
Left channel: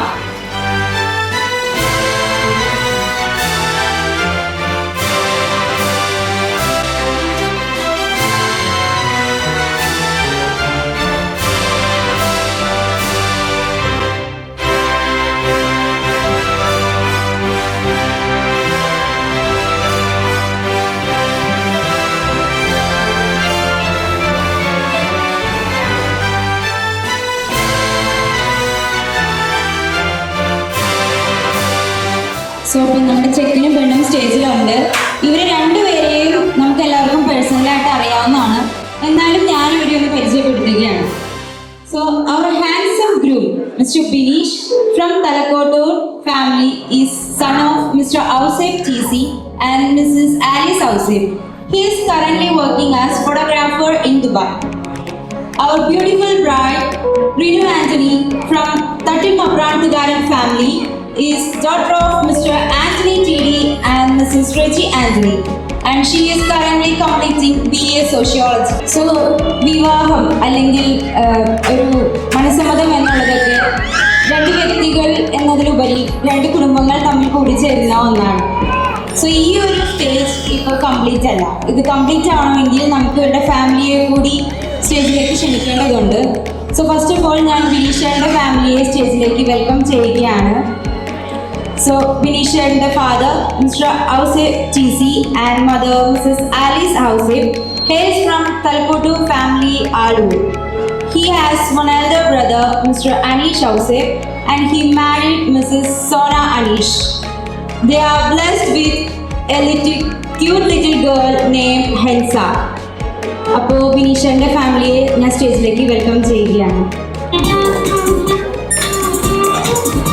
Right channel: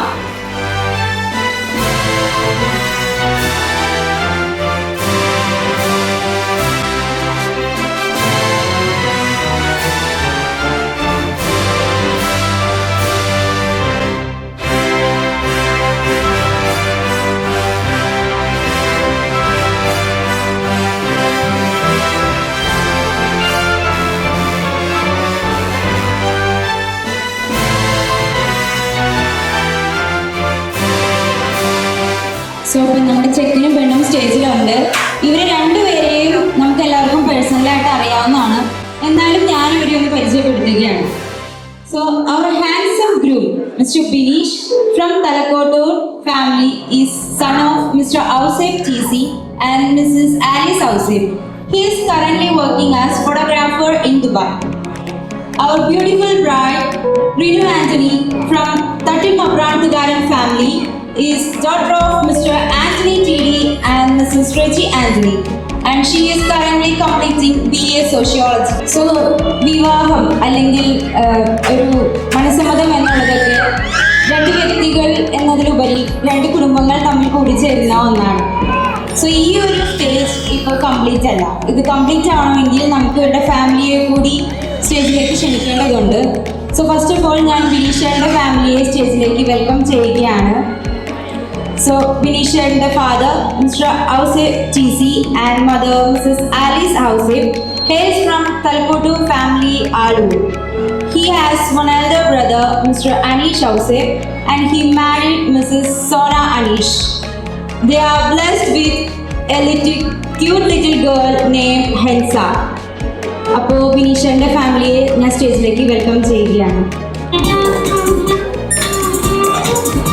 സോ ഇപ്പം നമ്മുടെ ചെക്കനും പെണ്ണും സ്റ്റേജിലുണ്ട്. ഇവരെ രണ്ടുപേരെയും നമുക്ക് എല്ലാവർക്കും പേഴ്സണലായിട്ട് അറിയാവുന്നതാണ്. എന്നാലും ഞാൻ ഇവരെ ഒന്ന് പരിചയപ്പെടുത്തുകയാണ്. സോ അവർ handsome groom Mr Bineesh from Thalakkottoor family is son of Mr Ouseppu TC and Mrs Alice Ouseppu. He is currently working as photographer in Dubai. Our beautiful bride Rino Angeli from Tattil Maprantugaran family is daughter of Mr. Anthony TD and Mrs. Reggie Angeli, and she is currently completing BA Sociology. So വിവാഹം അല്ലെങ്കിൽ ഒരു മനസ്സമ്മതം എന്നുള്ളതൊക്കെ രണ്ട് വ്യക്തികൾ എന്നതിലുപരി രണ്ട് കുടുംബങ്ങൾ തമ്മിൽ കൂടിച്ചേരുന്ന ഒന്നാണ്. സോ ഈ ഒരു സ്റ്റേജ് ഇപ്പോൾ കംപ്ലീറ്റ് അല്ല. ഇത് കംപ്ലീറ്റ് ആവണമെങ്കിൽ നമുക്ക് ഇവരുടെ ഫാമിലിയെ കൂടി സ്റ്റേജിലേക്ക് ക്ഷണിക്കേണ്ടതുണ്ട്. സോ ഫസ്റ്റ് ഓഫ് ഓൾ ഞാൻ ബിനീഷയുടെ ഫാമിലിയെ സ്റ്റേജിലേക്ക് വെൽക്കം ചെയ്യുകയാണ്. So Binish and the father Mr. Ausep TC and mother Mrs. Alice Ausep hails from Talkotu family Alur. He has one elder brother Mr. Anish Ausep and he married Mrs. Sona Anish. They are blessed with a cute little girl named Hensa. അപ്പോൾ ബിനീഷന്റെ ഫാമിലിയെ ഞാൻ സ്റ്റേജിലേക്ക് വെൽക്കം ചെയ്യുകയാണ്.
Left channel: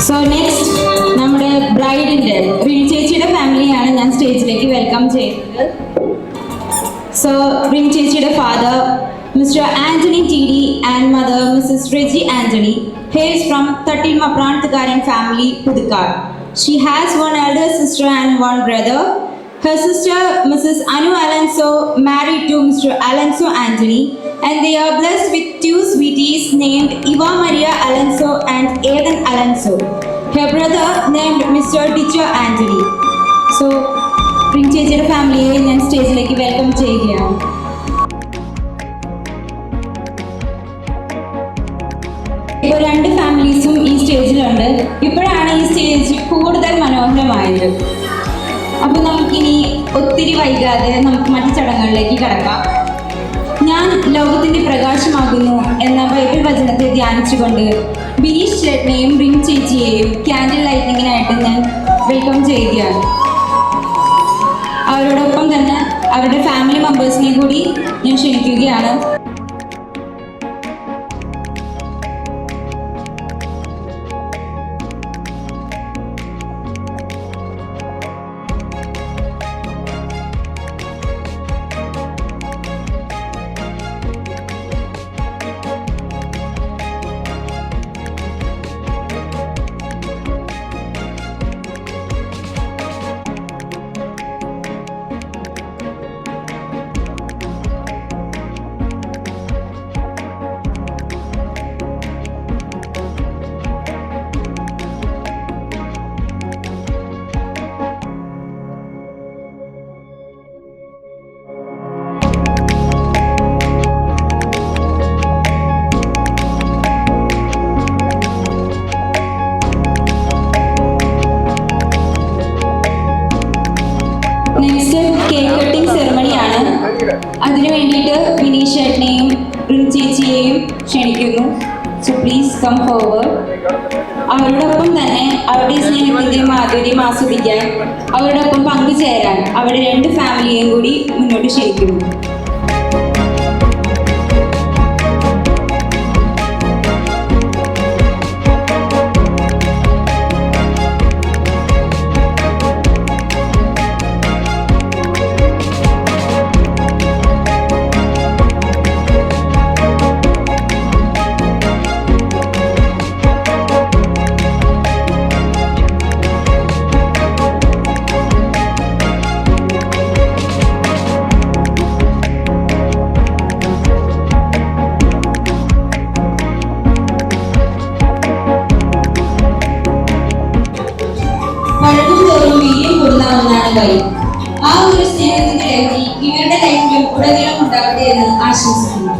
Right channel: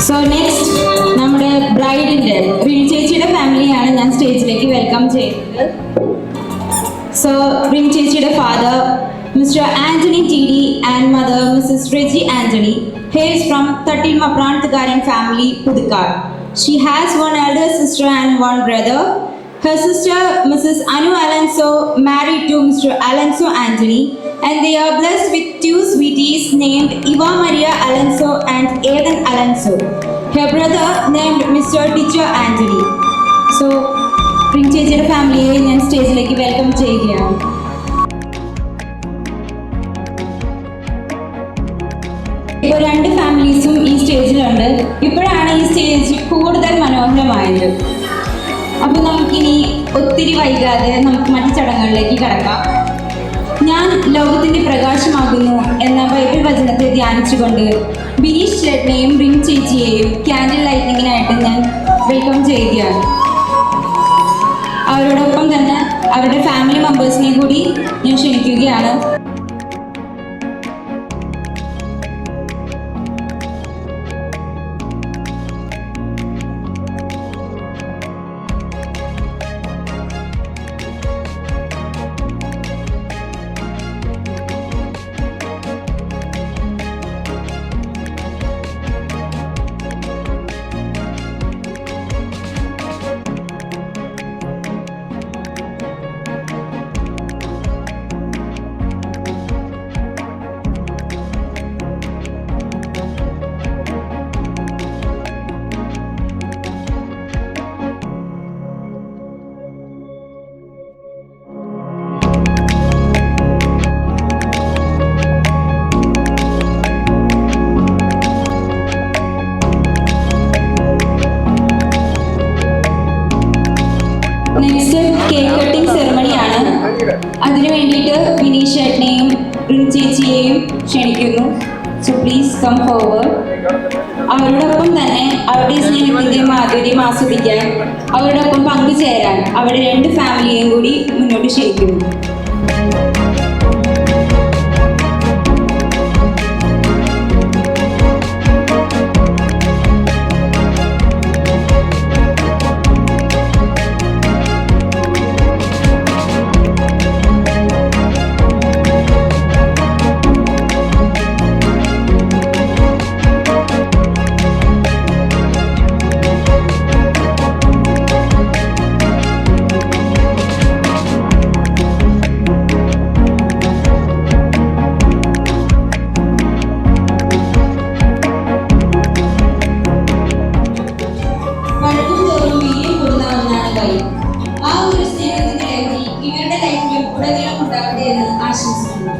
സോ നെക്സ്റ്റ് നമ്മുടെ ബ്രൈഡിൻ്റെ റിൻ ചേച്ചിയുടെ ഫാമിലിയാണ് ഞാൻ സ്റ്റേജിലേക്ക് വെൽക്കം ചെയ്യുന്നത്. സോ റിൻ ചേച്ചിയുടെ father mister Antony TD and mother Mrs Reji Antony hails from Tattil Maprantugaran family, Pudukar. She has one elder sister and one brother. Her sister Mrs. Anu Alonso married to Mr. Alonso Anthony and they are blessed with two sweeties named Eva Maria Alonso and Aidan Alonso. Her brother named Mr. Teacher Anthony. So, Rin ചേച്ചിയുടെ ഫാമിലിയെ ഞാൻ സ്റ്റേജിലേക്ക് വെൽക്കം ചെയ്യുകയാണ്. ഇപ്പോൾ രണ്ട് ഫാമിലീസും ഈ സ്റ്റേജിലുണ്ട്. ഇപ്പോഴാണ് ഈ സ്റ്റേജ് കൂടുതൽ മനോഹരമായത്. അപ്പോൾ നമുക്കിനി ഒത്തിരി വൈകാതെ നമുക്ക് മറ്റു ചടങ്ങുകളിലേക്ക് കടക്കാം. ഞാൻ ലോകത്തിൻ്റെ പ്രകാശമാകുന്നു എന്ന ബൈബിൾ വചനത്തെ ധ്യാനിച്ചുകൊണ്ട് ബിനീഷ് ചേട്ടനെയും റിൻ ചേച്ചിയെയും ക്യാൻഡിൽ ലൈറ്റിങ്ങിനായിട്ട് ഞാൻ വെൽക്കം ചെയ്യുകയാണ്. അവരോടൊപ്പം തന്നെ അവരുടെ ഫാമിലി മെമ്പേഴ്സിനെ കൂടി ഞാൻ ക്ഷണിക്കുകയാണ്. നെക്സ്റ്റ് കേക്ക് കട്ടിംഗ് സെറമണിയാണ്. അതിനു വേണ്ടിയിട്ട് ബിനീഷ് ചേട്ടനെയും റിൻ ചേച്ചിയെയും ക്ഷണിക്കുന്നു. So please come forward. അവരോടൊപ്പം തന്നെ അവരുടെ സ്നേഹത്തിൻ്റെ മാധുര്യം ആസ്വദിക്കാൻ അവരോടൊപ്പം പങ്കുചേരാൻ അവരുടെ രണ്ട് ഫാമിലിയെയും കൂടി മുന്നോട്ട് ക്ഷണിക്കുന്നു. പഴകും തോറും വീര്യം കൂടുന്ന ഒന്നാണ് വൈബ്. ആ ഒരു സ്നേഹത്തിന്റെ ലഹരി ഇവരുടെ ലൈഫിലും ഉടനീളം ഉണ്ടാവട്ടെ എന്ന് ആശംസിക്കുന്നു.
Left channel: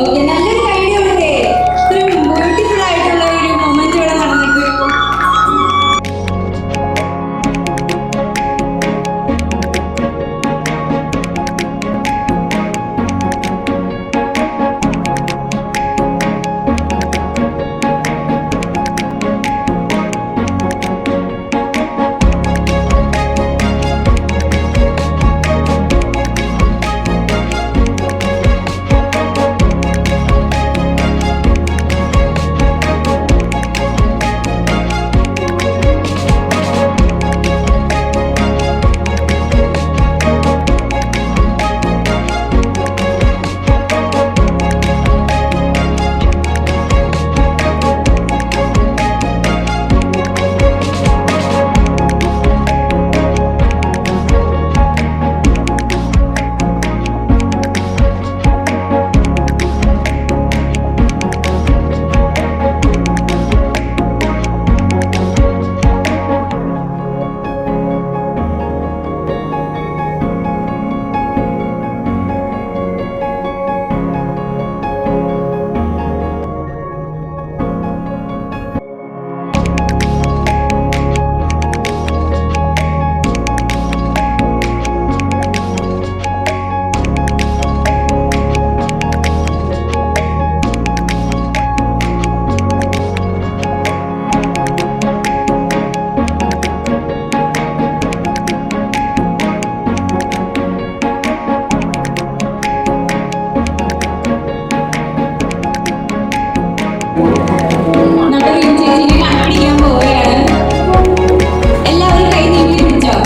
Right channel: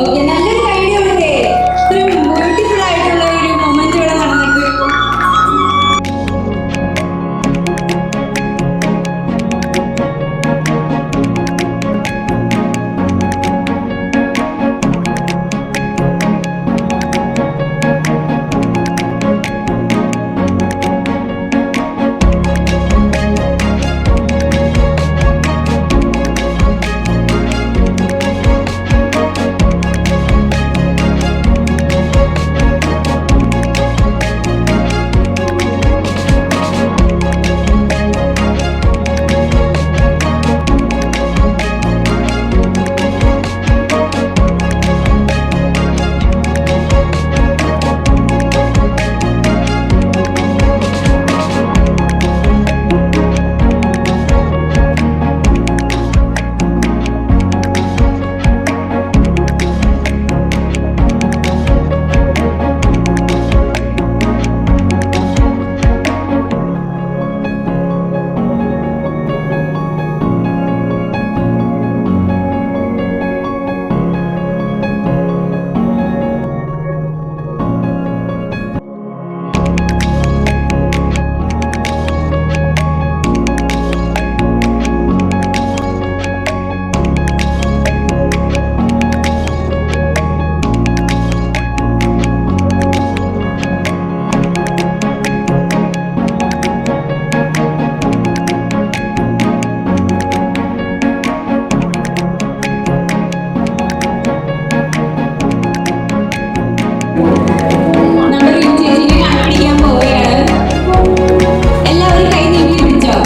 ഓക്കെ, നല്ലൊരു ഐഡിയ ഉണ്ട്. ഇത്രയും ബ്യൂട്ടിഫുൾ ആയിട്ടുള്ള ഒരു മൊമെന്റ് ഇവിടെ നടന്നിട്ട് നമ്മുടെ ചേച്ചിനെ കണ്ടുപിടിക്കാൻ പോവുകയാണ്. എല്ലാവരും കൈ നീട്ടി പിടിച്ചോ.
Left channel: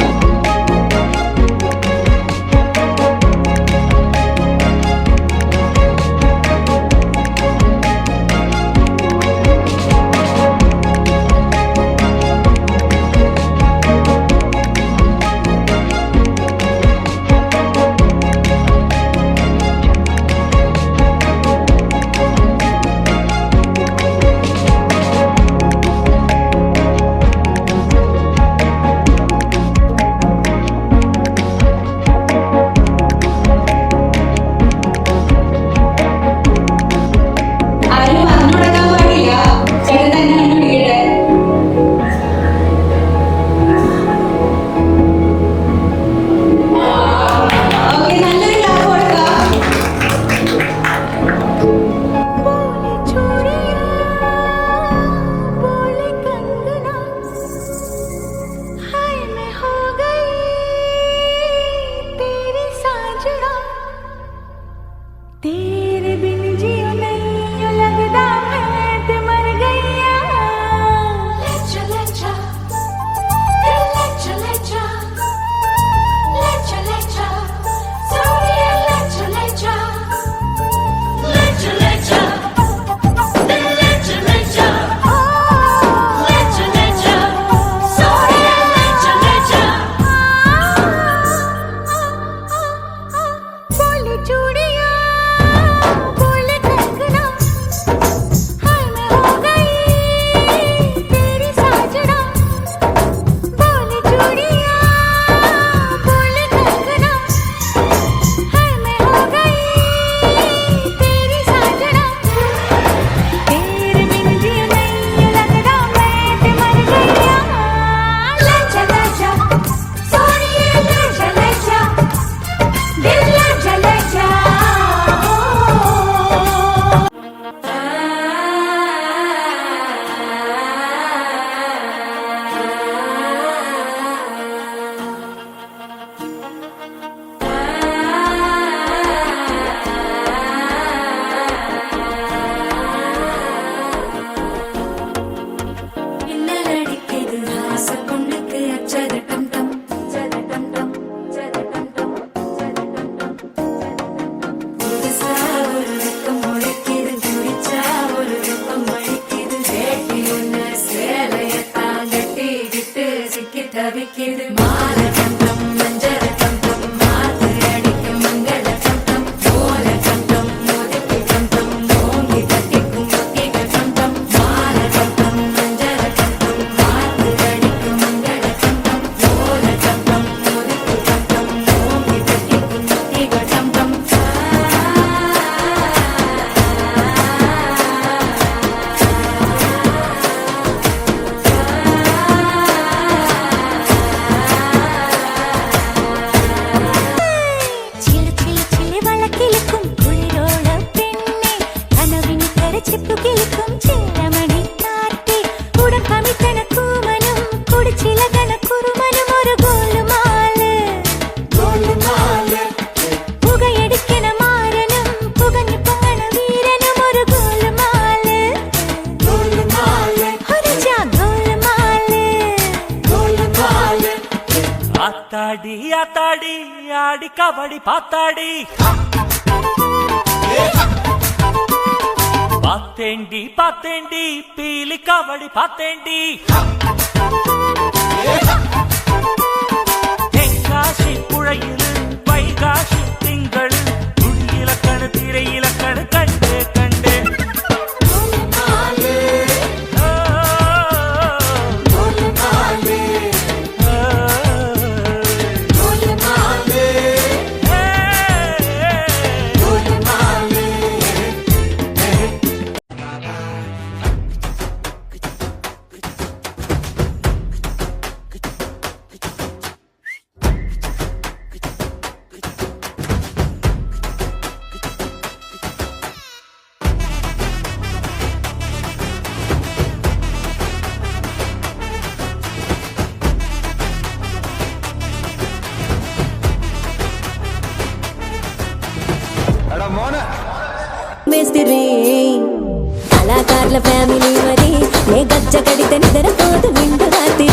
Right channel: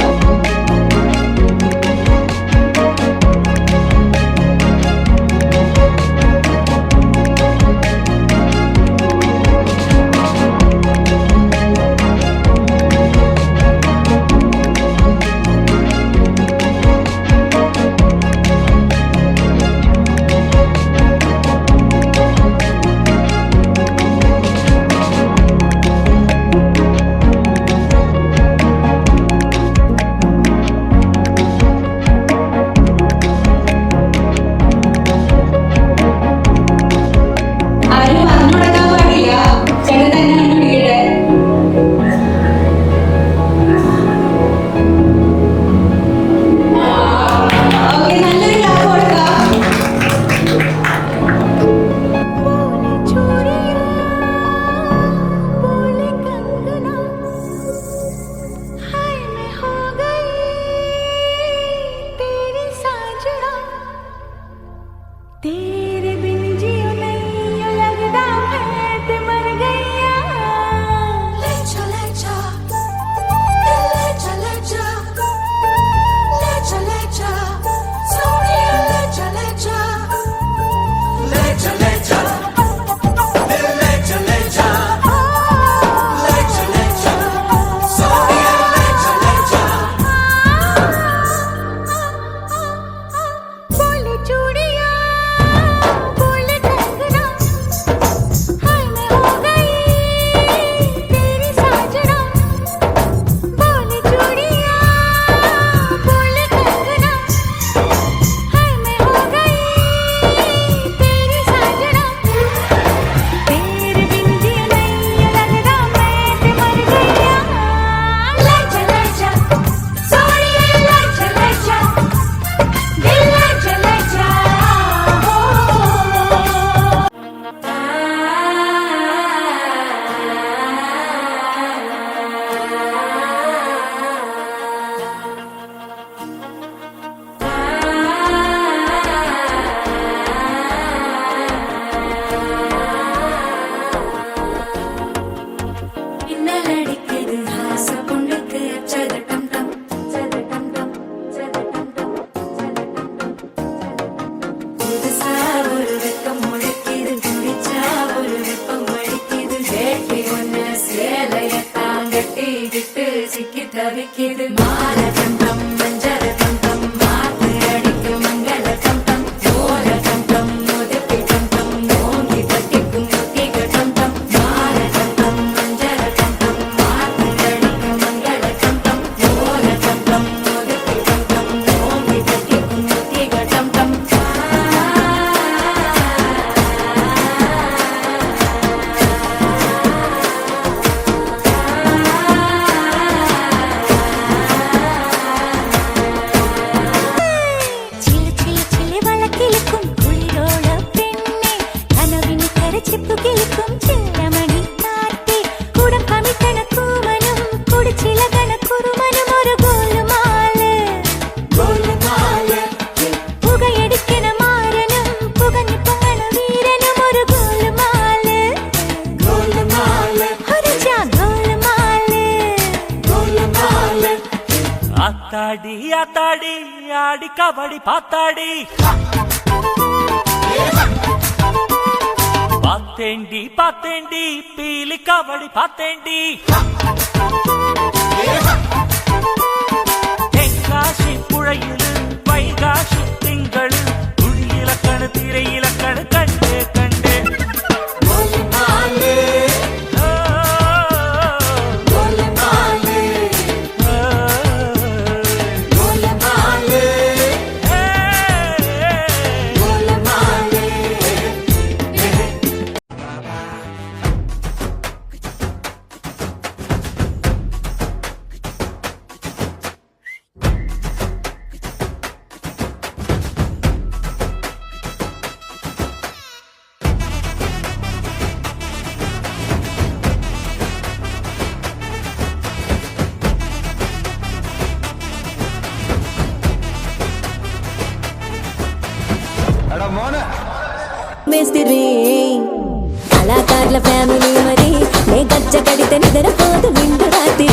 பரவிக்கிது மாரகம் டம் மஞ்சரகம் டம் மாத்து அடிக்கும் மங்களகம் டம் ஓரகம் டம் மோதிப்பிகம் டம் ஓங்கி தட்டிக்கும் முத்திகம் டம் மாரகம் டம் மஞ்சரகம் டம் மாத்து அடிக்கும் மங்களகம் டம் ஓரகம் டம் மோதிப்பிகம் டம் ஓங்கி தட்டிக்கும் முத்திகம் டம் ചില ചില ചില വളക്കിലുക്കും കുളിരോള പെണ്ണെ കനവിന് കരച്ചിപ്പു കിളിക്കും ചില്ലമണി കാറ്റേ കുടം കമിത്തണ കൂമനും കുടിച്ചിലകണ കുറുമനും ഒരു ഗോലുമാല് പുകയടിക്കണ മാരനും പുകഞ്ഞു പൊങ്ങണ വീരനും ഒരു ഗോലുമാല് ഒരു ജാ ഗോലുമാല് ஆத்தாடி ஆத்தாடி ஆடி கபடி பாத்தாடி பாத்தேண்டி பாத்தேண்டி பீலி கபடி பாத்தேண்டி தென்காசி புழையிலு வைகாசி திங்களு துடியிலக்கணு திரையிலக்கணு கண்டே கண்டே మేస్తిరి కళాకారుల ఫ్యామిలీ మరి నే గజ్జ కడితే నిద్రపోదు నిండు రాత్రి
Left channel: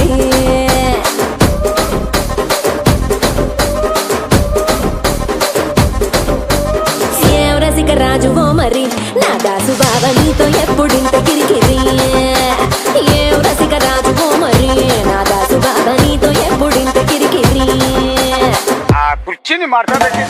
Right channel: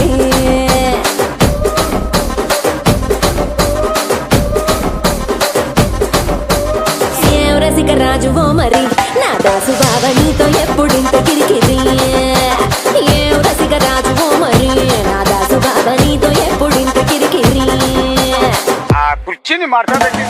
ఏం రసిక రాజువో మరి నా దాసు బావ నీతో ఎప్పుడింత కిరికిరి ఏం రసిక రాజువో మరి నా దాసు బావ నీతో ఎప్పుడింత కిరికిరి కుర్చీని మార్చబెట్టి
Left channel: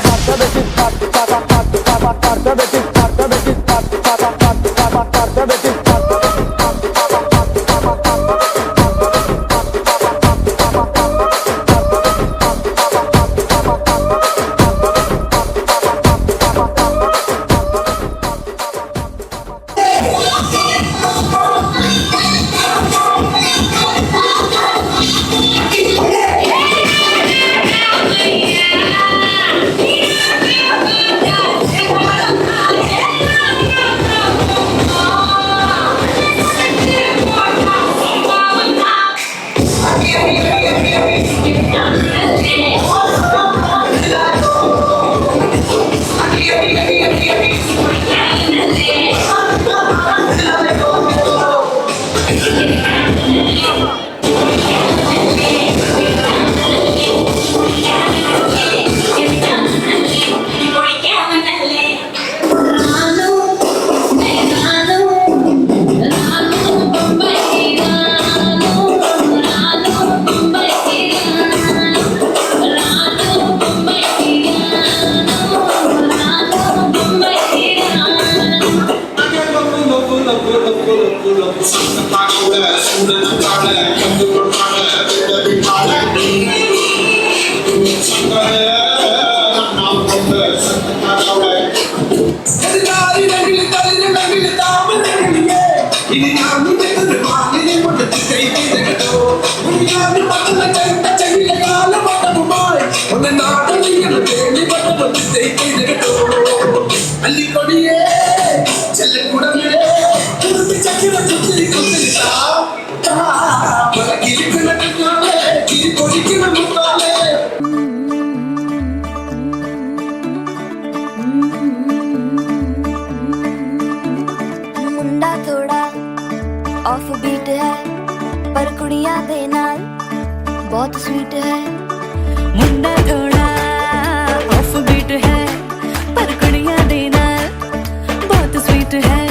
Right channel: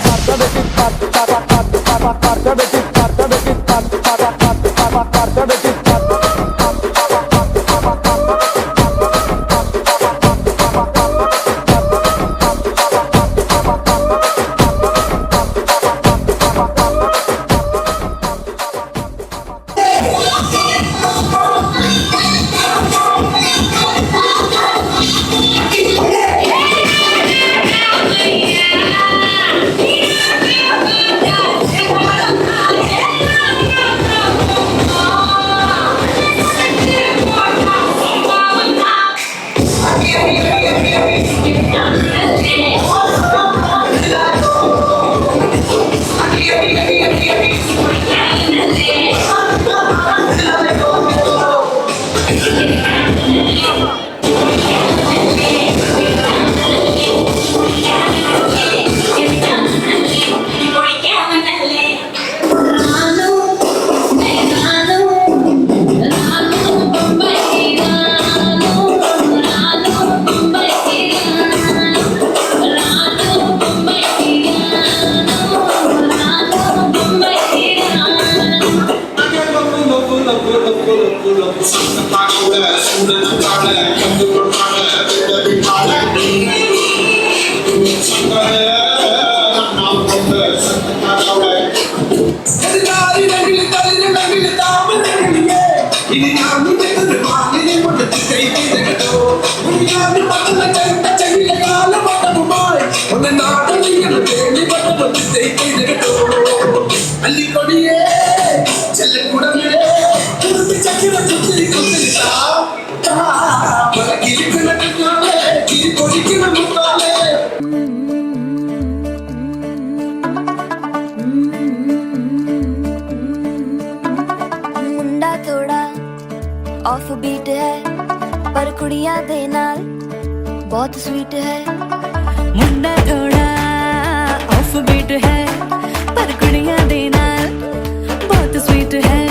मुंडा थोड़ा ऑफ बीट है पर कुड़ियां दे नाल बहुत स्वीट है मुंडा थोड़ा ऑफ बीट है पर कुड़ियां दे नाल बहुत स्वीट है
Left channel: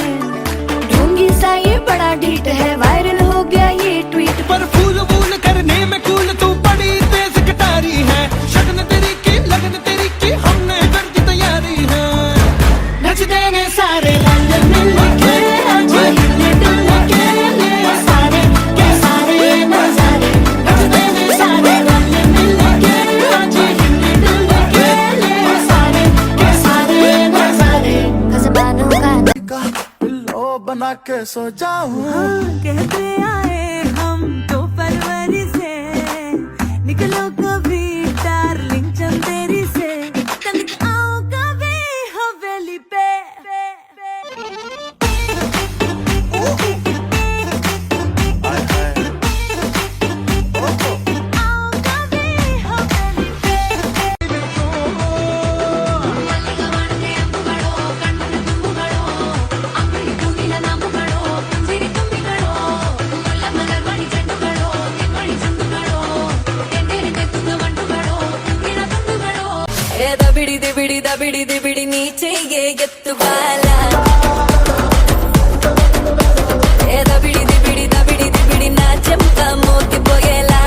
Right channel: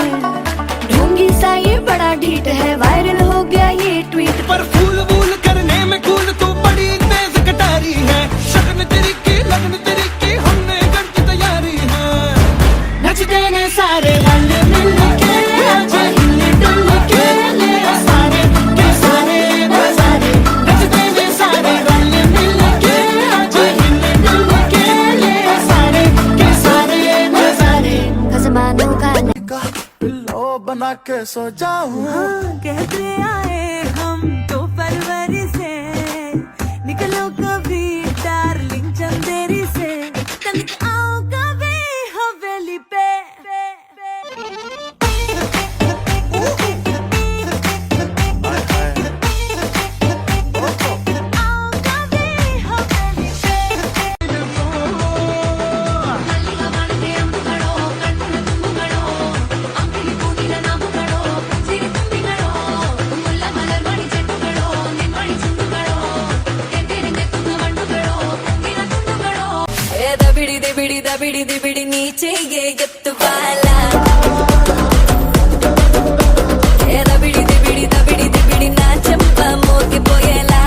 ढोंगी सा ये बड़ा ढीठ है वायरल हो गया ये ट्वीट पर फूल वूल करने में कूल तू ने सारे रल मिल के आज हिले डुल के ले सारे के सारे नजारे नचते ने सारे रल मिल के आज हिले डुल के ले सारे के सारे नजारे खसमानों का पिल्लो बना के सो जाऊं कहते आए हम तो फरवरी से निकलो कभी डार्लिंग चंदेरी से तनिक आओ कभी हवेली पे आओ कभी हवेली पे दबिड़ी दिबिड़ी दबिड़ी दिबिड़ी नीचे ये गत्तु वाला दबिड़ी दिबिड़ी दबिड़ी दिबिड़ी नाचंप मोके पोयला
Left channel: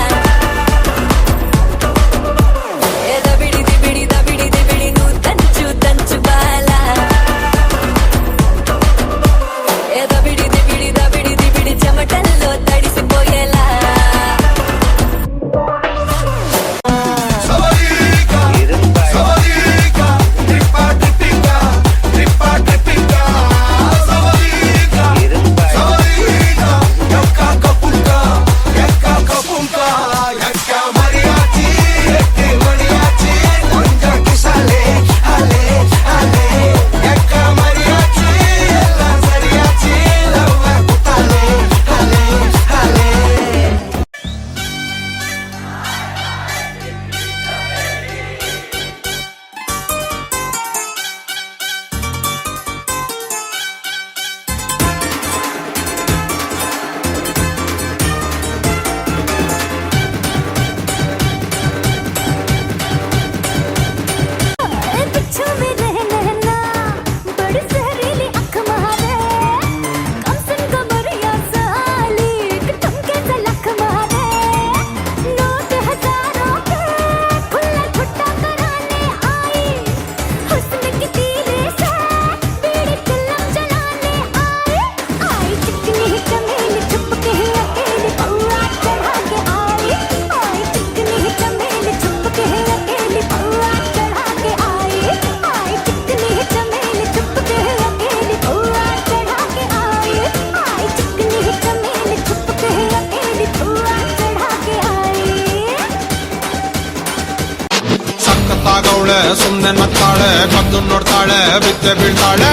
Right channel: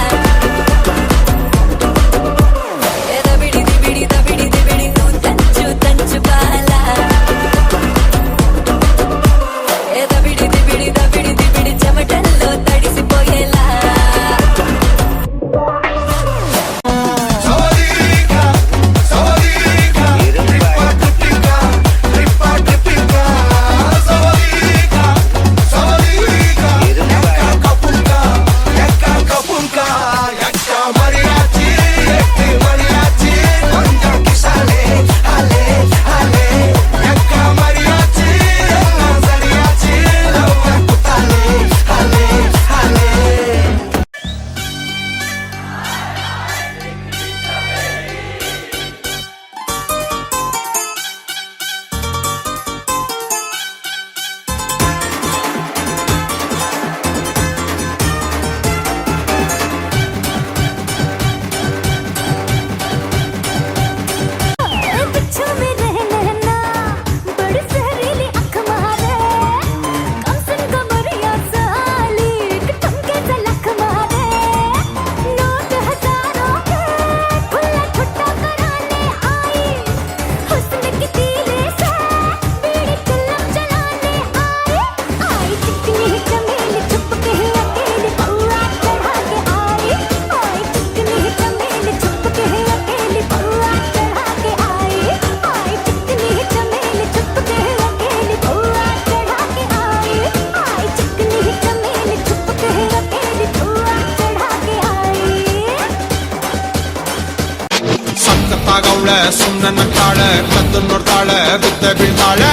दबिड़ी दिबिड़ी दबिड़ी दिबिड़ी नू तंचु तंचु बाला दबिड़ी दिबिड़ी दबिड़ी दिबिड़ी చెమటల్లో తడిసిపోయేలా ಗೌಳೆ ಸುಮ್ಮನೆ ನಕ್ಕಾಳೆ ಕದ್ದು ನೋಡ್ತಾಳೆ ಬಿದ್ದೆ ಬೀಳ್ತಾಳೆ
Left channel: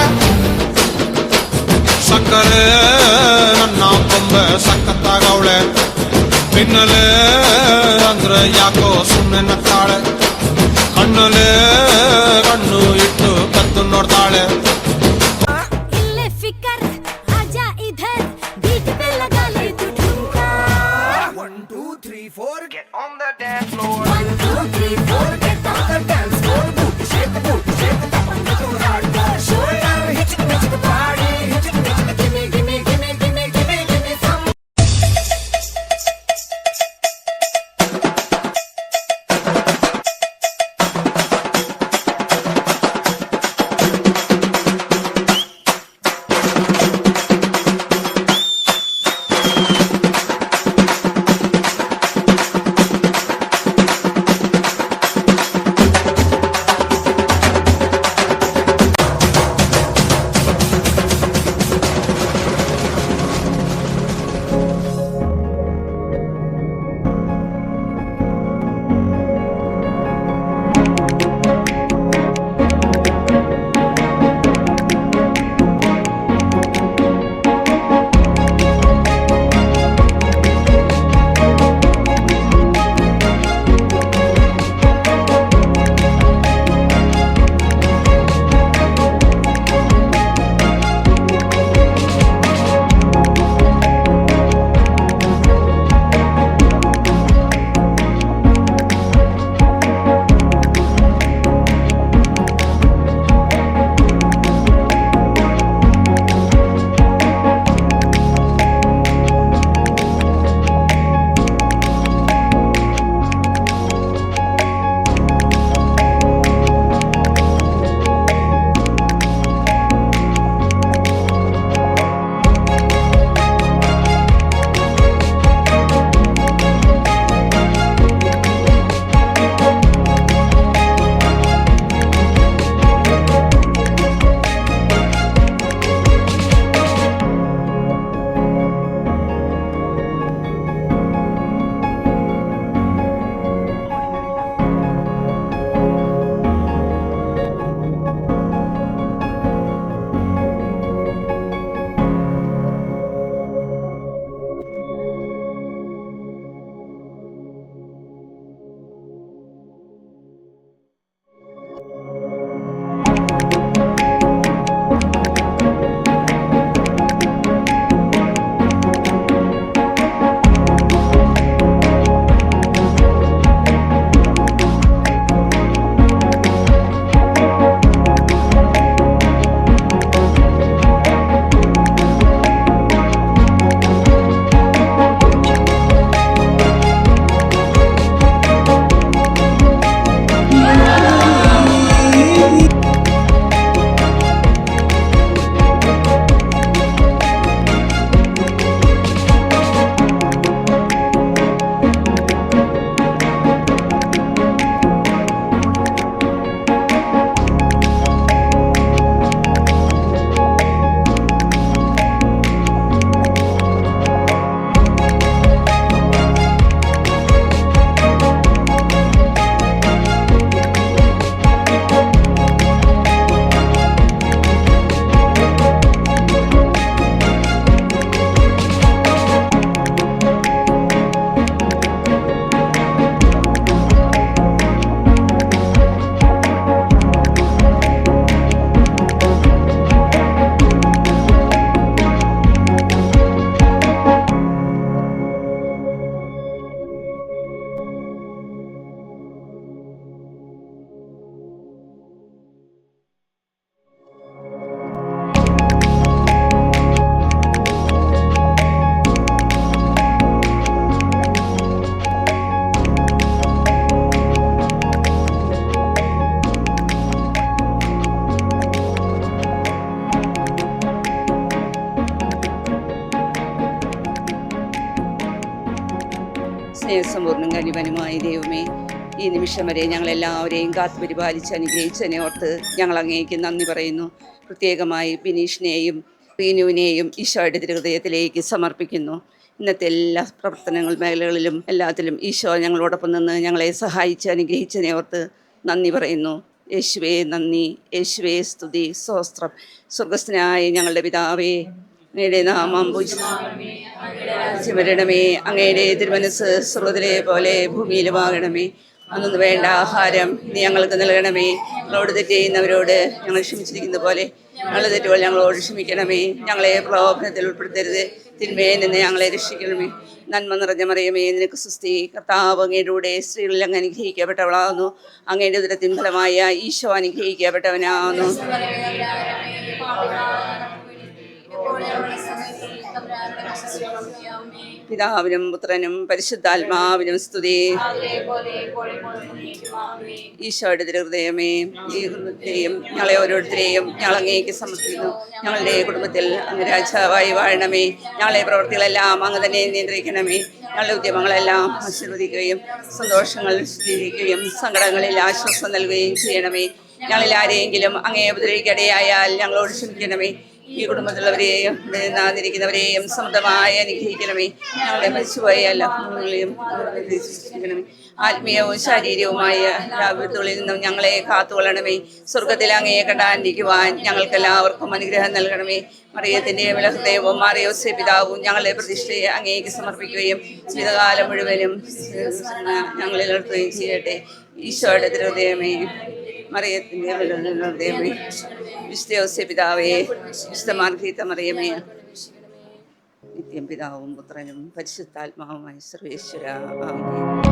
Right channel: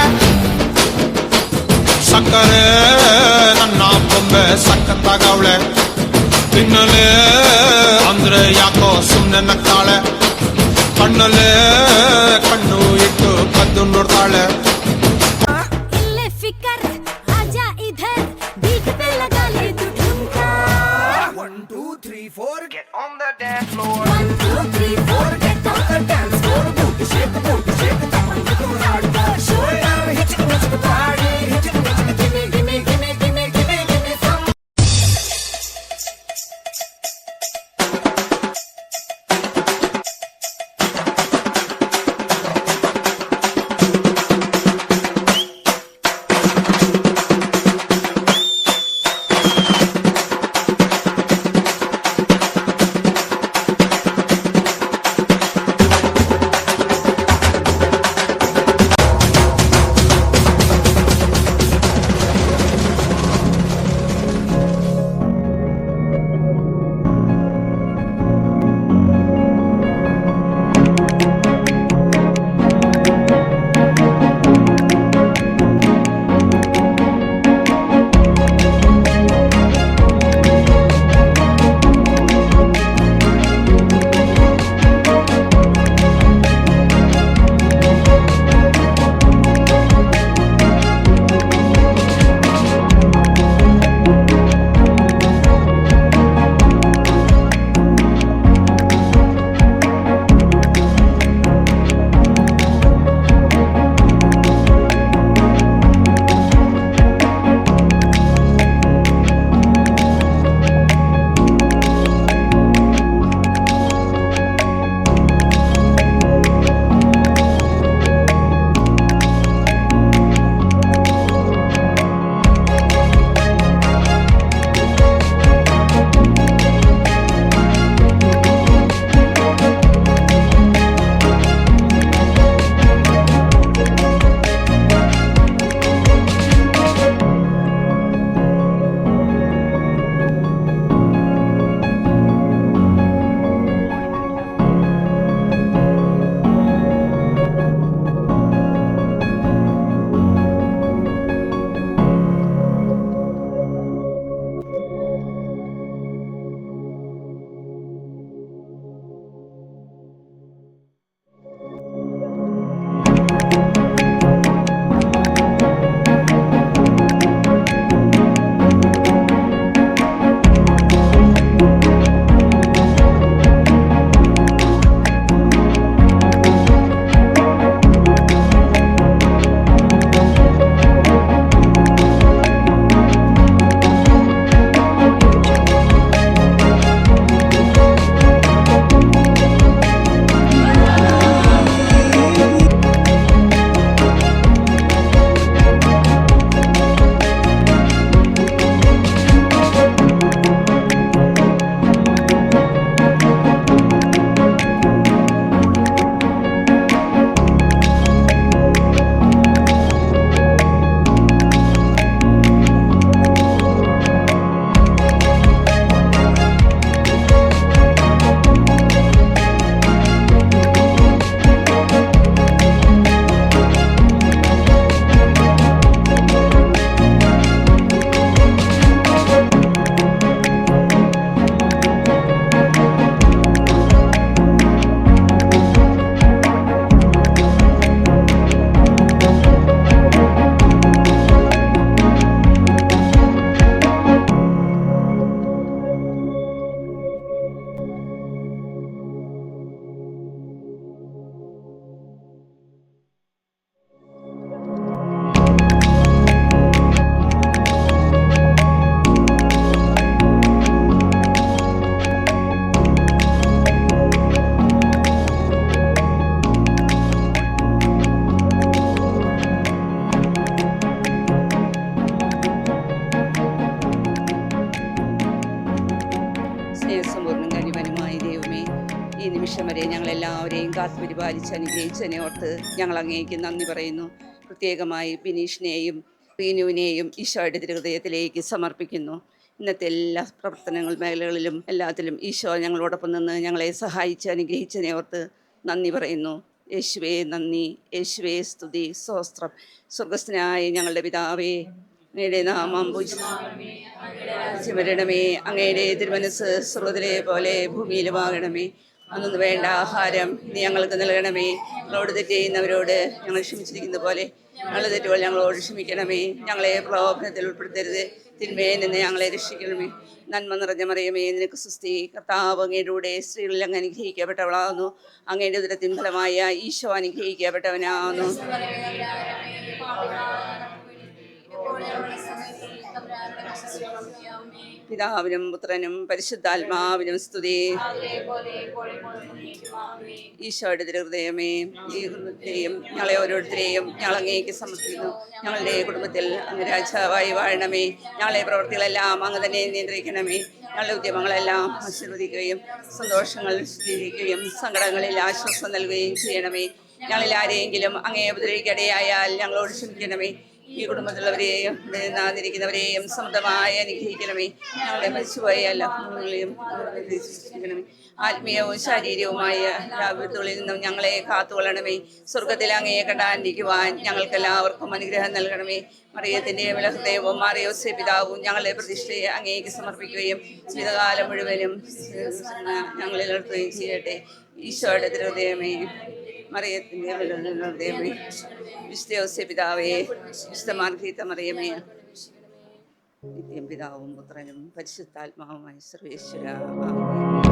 ಸಕ್ಕರೆ ನನ್ನ ಬೊಮ್ಮೆ ಸಕ್ಕತ್ತಾಗವಳೆ ತಿನ್ನಲೆ ಅಂದ್ರೆ ಯಾಕೋ ಸುಮ್ಮನೆ ನಕ್ಕಾಳೆ ಕಣ್ಣಲೆ ಕಣ್ಣು ಇಟ್ಟು ಕದ್ದು ನೋಡ್ತಾಳೆ इल्ले फिकर आजा इधर बीट पे लगा ले तू ठुमका 1 2 3 4 get on the dance floor 1 2 3 4 get on the dance floor booty shake tap on the hardcore show down hit the party hit the gimme gimme gimme gimme gimme gimme some സ്നേഹസമ്പൂർണ്ണം കനിവനുമായ ദൈവമേ, ഈ നിമിഷം വരെ ഞങ്ങളെല്ലാവരെയും കാത്തുപരിപാലിച്ച് അനുഗ്രഹിച്ചതിനെ ഓർത്ത് ഞങ്ങൾ അങ്ങേക്ക് നന്ദി പറയുന്നു. പ്രത്യേകമായി ബിനീഷിനെയും റീനുവിനെയും ഈശോയുടെ തിരുഹൃദയത്തിലേക്ക് സമർപ്പിക്കുന്നു. ഇന്നത്തെ എല്ലാ പ്രവർത്തനങ്ങൾ മേഖലകളിലും എല്ലാത്തിലും ഈശോ ഞങ്ങളോടൊപ്പം നിന്ന് ഞങ്ങളെ സഹായിച്ച് അനുഗ്രഹിച്ചതിനെ ഓർത്ത് നന്ദി പറയുന്നു. യേശുവേ നന്ദി, യേശുവേ സ്തുതി, സ്തോത്രം. സ്വർഗസ്ഥനായ ഞങ്ങളുടെ പിതാവേ, അങ്ങയുടെ നാമം പൂജിക്കപ്പെടണമേ, അങ്ങയുടെ തിരുമനസ് സ്വർഗ്ഗത്തിലെ പോലെ ഭൂമിയിലുമാകണമേ. അന്നു വേണ്ട ആഹാരം നീ ഞങ്ങൾക്ക് നൽകണമേ. ഞങ്ങളോട് തെറ്റ് ചെയ്യുന്നവരോട് ഞങ്ങൾ ക്ഷമിച്ചിരിക്കുന്ന പോലെ ഞങ്ങളുടെ തെറ്റുകൾ ഞങ്ങളോട് ക്ഷമിക്കണമേ. ഞങ്ങളെ പ്രലോഭനത്തിൽ ഉൾപ്പെടുത്തരുത്, തിന്മയിൽ നിന്ന് ഞങ്ങളെ രക്ഷിക്കണമേ. നന്മ നിറഞ്ഞ മറിയമേ, നിനക്ക് സുസ്തി, കർത്താവ് അങ്ങയുടെ കൂടെ സ്ത്രീകളിൽ അങ്ങ് അനുഗ്രഹിക്കപ്പെട്ടവളാകുന്നു. അങ്ങയുടെ ഉദരത്തിൻ ഫലമായ ഈശോ അനുഗ്രഹിക്കപ്പെട്ടവനാകുന്നു. പിതാവിനും പുത്രനും പരിശുദ്ധാത്മാവിനും സ്തുതി. ഈശോയുടെ തിരുഹൃദയമേ, ഈ ഹൃദയത്തെയും ഞങ്ങളെ ഓരോരുത്തരെയും ഞങ്ങൾ അങ്ങേക്ക് സമർപ്പിക്കുന്നു. ഞങ്ങളുടെ കുടുംബത്തിൽ അങ്ങ് രാജാവായി വാഴണമേ. ഞങ്ങളെ പ്രവൃത്തികളെല്ലാം അങ്ങ് തന്നെ നിയന്ത്രിക്കണമേ. ഞങ്ങളുടെ ഉദ്യമങ്ങളെല്ലാം ആശീർവദിക്കുകയും സന്തോഷങ്ങൾ സ്വീകരിക്കുകയും സങ്കടങ്ങളിൽ ആശ്വാസം നൽകുകയും ചെയ്യണമേ. ഞങ്ങളിൽ ആരെയെങ്കിലും അങ്ങേ ഉപദ്രവിക്കടയായാൽ ഞങ്ങളോട് ക്ഷമിക്കണമേ. ഈ കുടുംബത്തിലുള്ളവരെയും നാന്നിരിക്കുന്നവരെയും സ്വന്തമായി അനുഗ്രഹിക്കണമേ. ഞങ്ങളെ മരിച്ചുപോയ എല്ലാവരെയും അനുഗ്രഹിക്കണമേ. ആത്മീയവും ശാരീരികവുമായ ലാഭത്തുകളിൽ നിന്നും ഞങ്ങളെ കാത്തുകൊള്ളണമേ. സ്വർഗത്തിൽ അങ്ങയെ കണ്ടാണ്ടിരിക്കുവാൻ ഞങ്ങൾക്കെല്ലാവർക്കും അനുഗ്രഹം നൽകണമേ. മറിയത്തിൻ്റെ ഹൃദയവും മാറിയോസേ പിതാവും ഞങ്ങളുടെ പ്രതിഷ്ഠയെ അങ്ങേക്ക് സമർപ്പിക്കുകയും ജീവിതകാലം മുഴുവനും ഞങ്ങളിൽ നിർത്തുകയും ചെയ്യട്ടെ. ഈശോയുടെ തിരുഹൃദയമേ, മറിയത്തിൻ്റെ ഹൃദയമേ, വിശുദ്ധ യോസേ പിതാവേ, വിശുദ്ധ മാർഗ്ഗരീത്ത മറിയമേ, നിത്യം പിതാവും പുത്രനും പരിശുദ്ധാത്മാവുമായ സർവേശ്വര ആമേൻ.